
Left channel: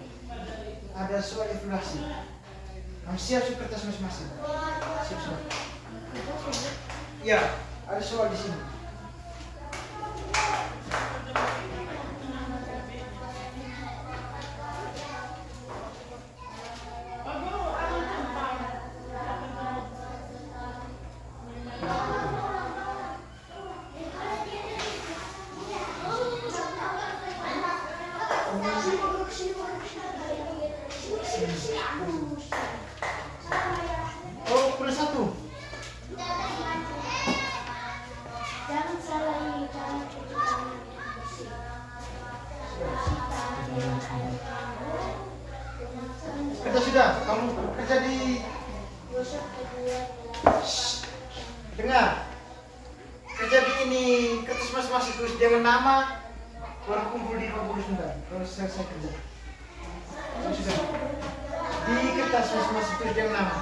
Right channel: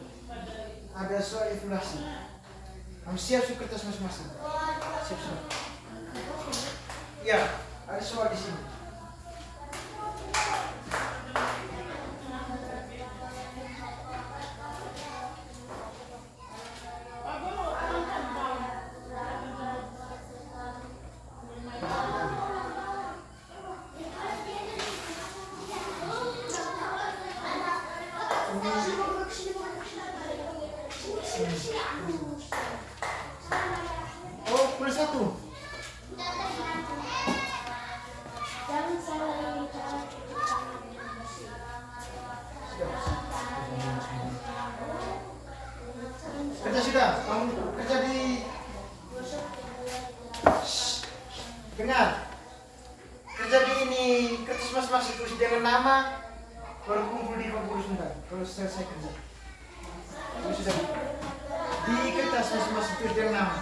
Ada soal evaluasi. Kamu siap kertas masing-masing? Siap semua? Ya, ada soal di sini. Oh, plus 1. Jangan salah cara. Kerja sudah, kamu kerja di dengar. Kerja di ini kertas masing-masing tulis dengan nama, baru kumpul di kumpul sebentar. Kalau selesai kerja. Kamu sudah di kertas masing-masing tulis dengan nama.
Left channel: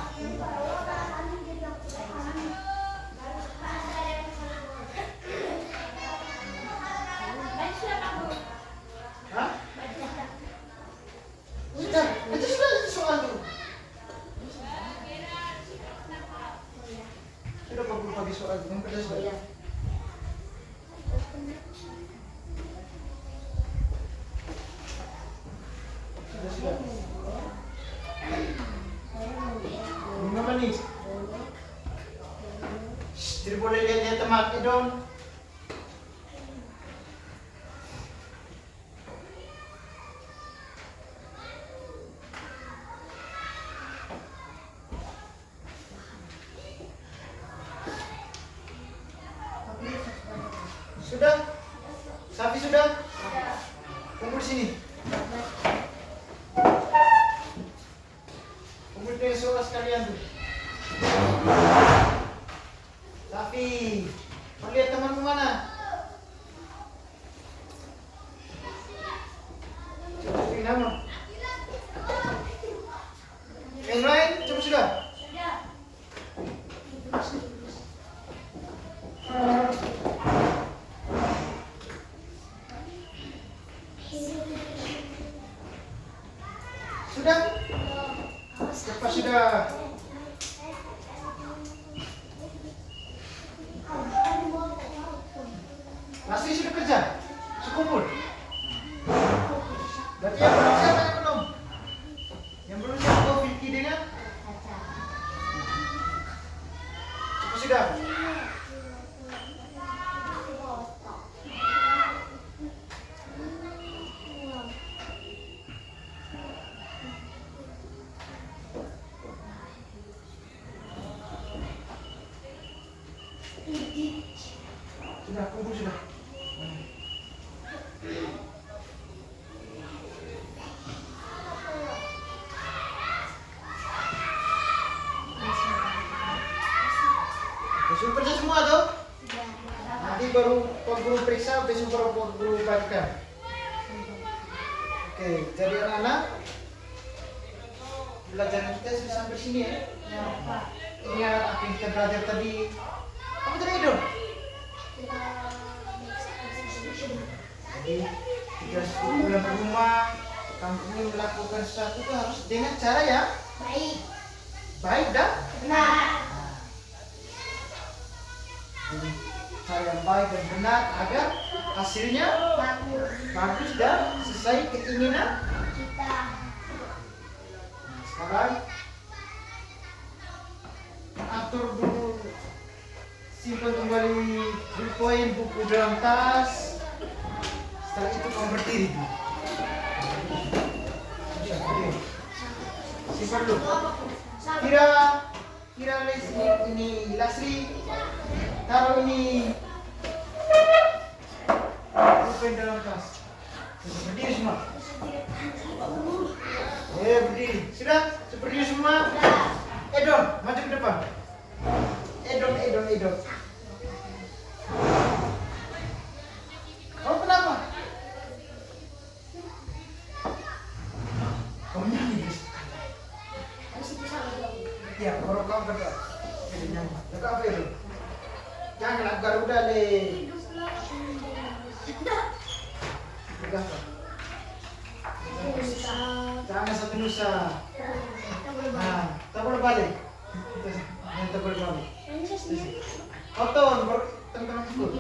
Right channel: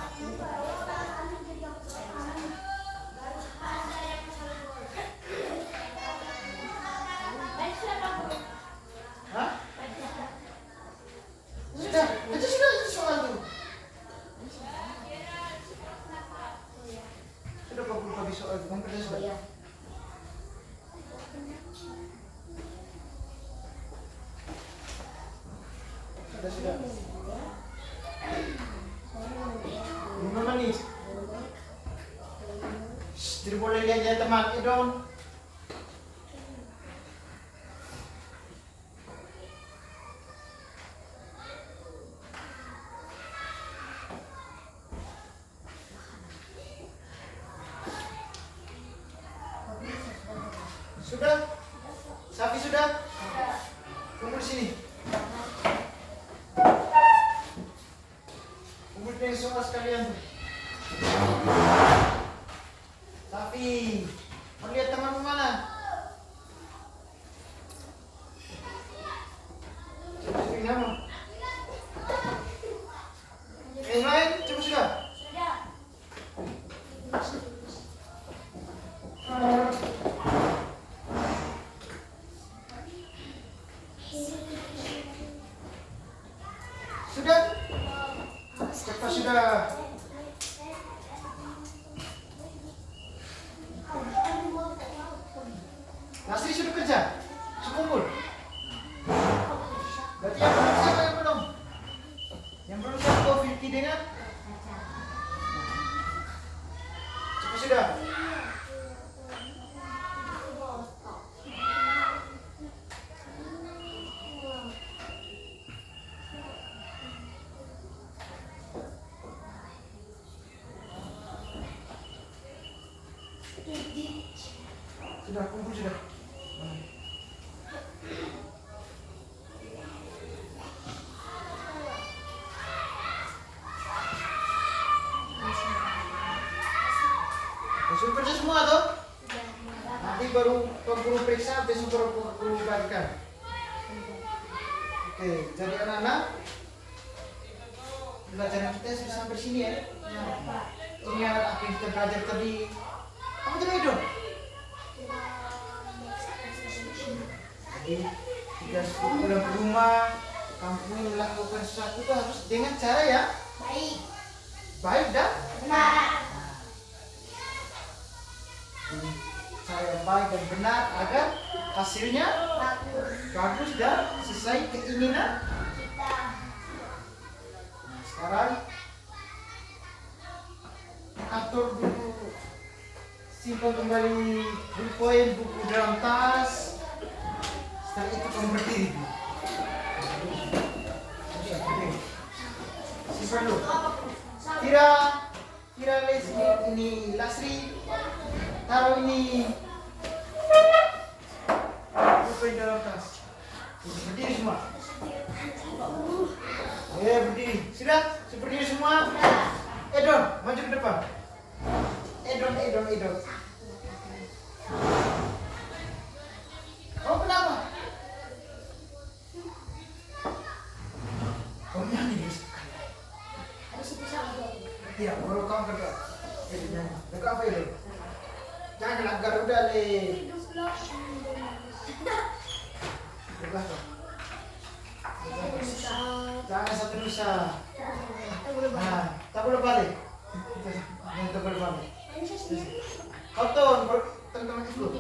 Hah? Sudah. Minum manis. Tidak boleh lihat teman Idon. Sudah? Sapi sudah? Kumpul di sini. Kumpul dengan semua sekalian tuh. Sapi, mau lihat temanmu mana? Coba cari nama. Yang lain, coba sudah? Sudah? Cepat sudah. Lastri sudah kerja? Sudah kumpul? Berarti yang belum siapa yang belum? Yang belum siapa Vicky dengan? Cepat sudah. Sudah kumpul sudah. Sudah kerja semua tuh? Nanti baru guru periksa, besok baru guru bagikan. Oke, jadi anak-anak pelajaran kita sudah sampai sini ya. Ingat apa yang kita belajar tadi. Apa tadi itu? Jadi 30 bulan berumah, kamu ini melakukan sesuatu itu harus dengan cara ya baik dan Benar. Jadi, cara yang baik dan benar agar hasilnya bagus dan sesuai keinginan Kita. Nah, sekarang atur dulu, simpan kembali poin buku dalam tas. Setelah itu kamu berdiri. Simpan dulu. Kira ini Lasri. Taruh ini. Poin dalam tas. Berdiri semua. Berdiri. Sudah? Berdiri semua? Edon, maju ke depan. Edon. Kamu kenapa? Kamu nyanyi. Iya, kalau kamu berdoa. Berdoa apa itu? Jangan Garuda le. Berdoa apa? Jangan satu nusa. Nah, tak boleh balik. Yang tak boleh balik. Kau tahu teman-teman ikut.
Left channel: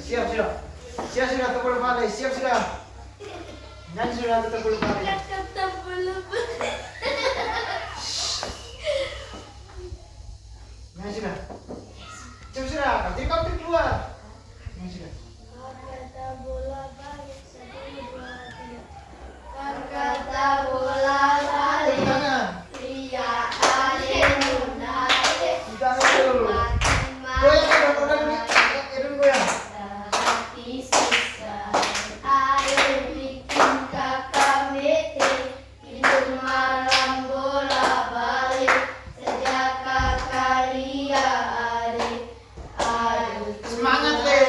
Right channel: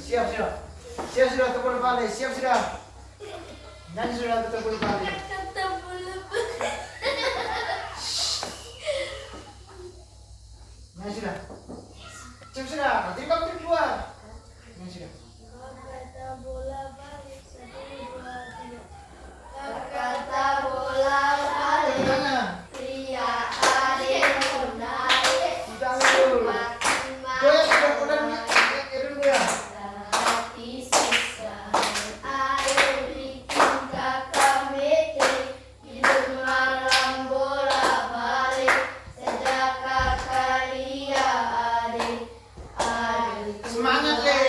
Siap sudah tak boleh balik. Siap sudah. Nyanyi sudah tak boleh balik. Nyanyi sudah. Siap sudah. Nanti kau keluar. Nyanyi sudah. Kata bola balik 1, 2, 3. Kata bola balik. Tangan. Pria adik menarik. Tangan dulu. Goyang. Goyang. Hati sisa air bikin kakak mete. Tidur malam bola balik. Sejak kakak ria adik. Aduh Semangat le.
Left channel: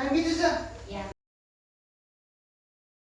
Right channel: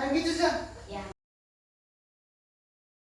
Kan gitu, Zah.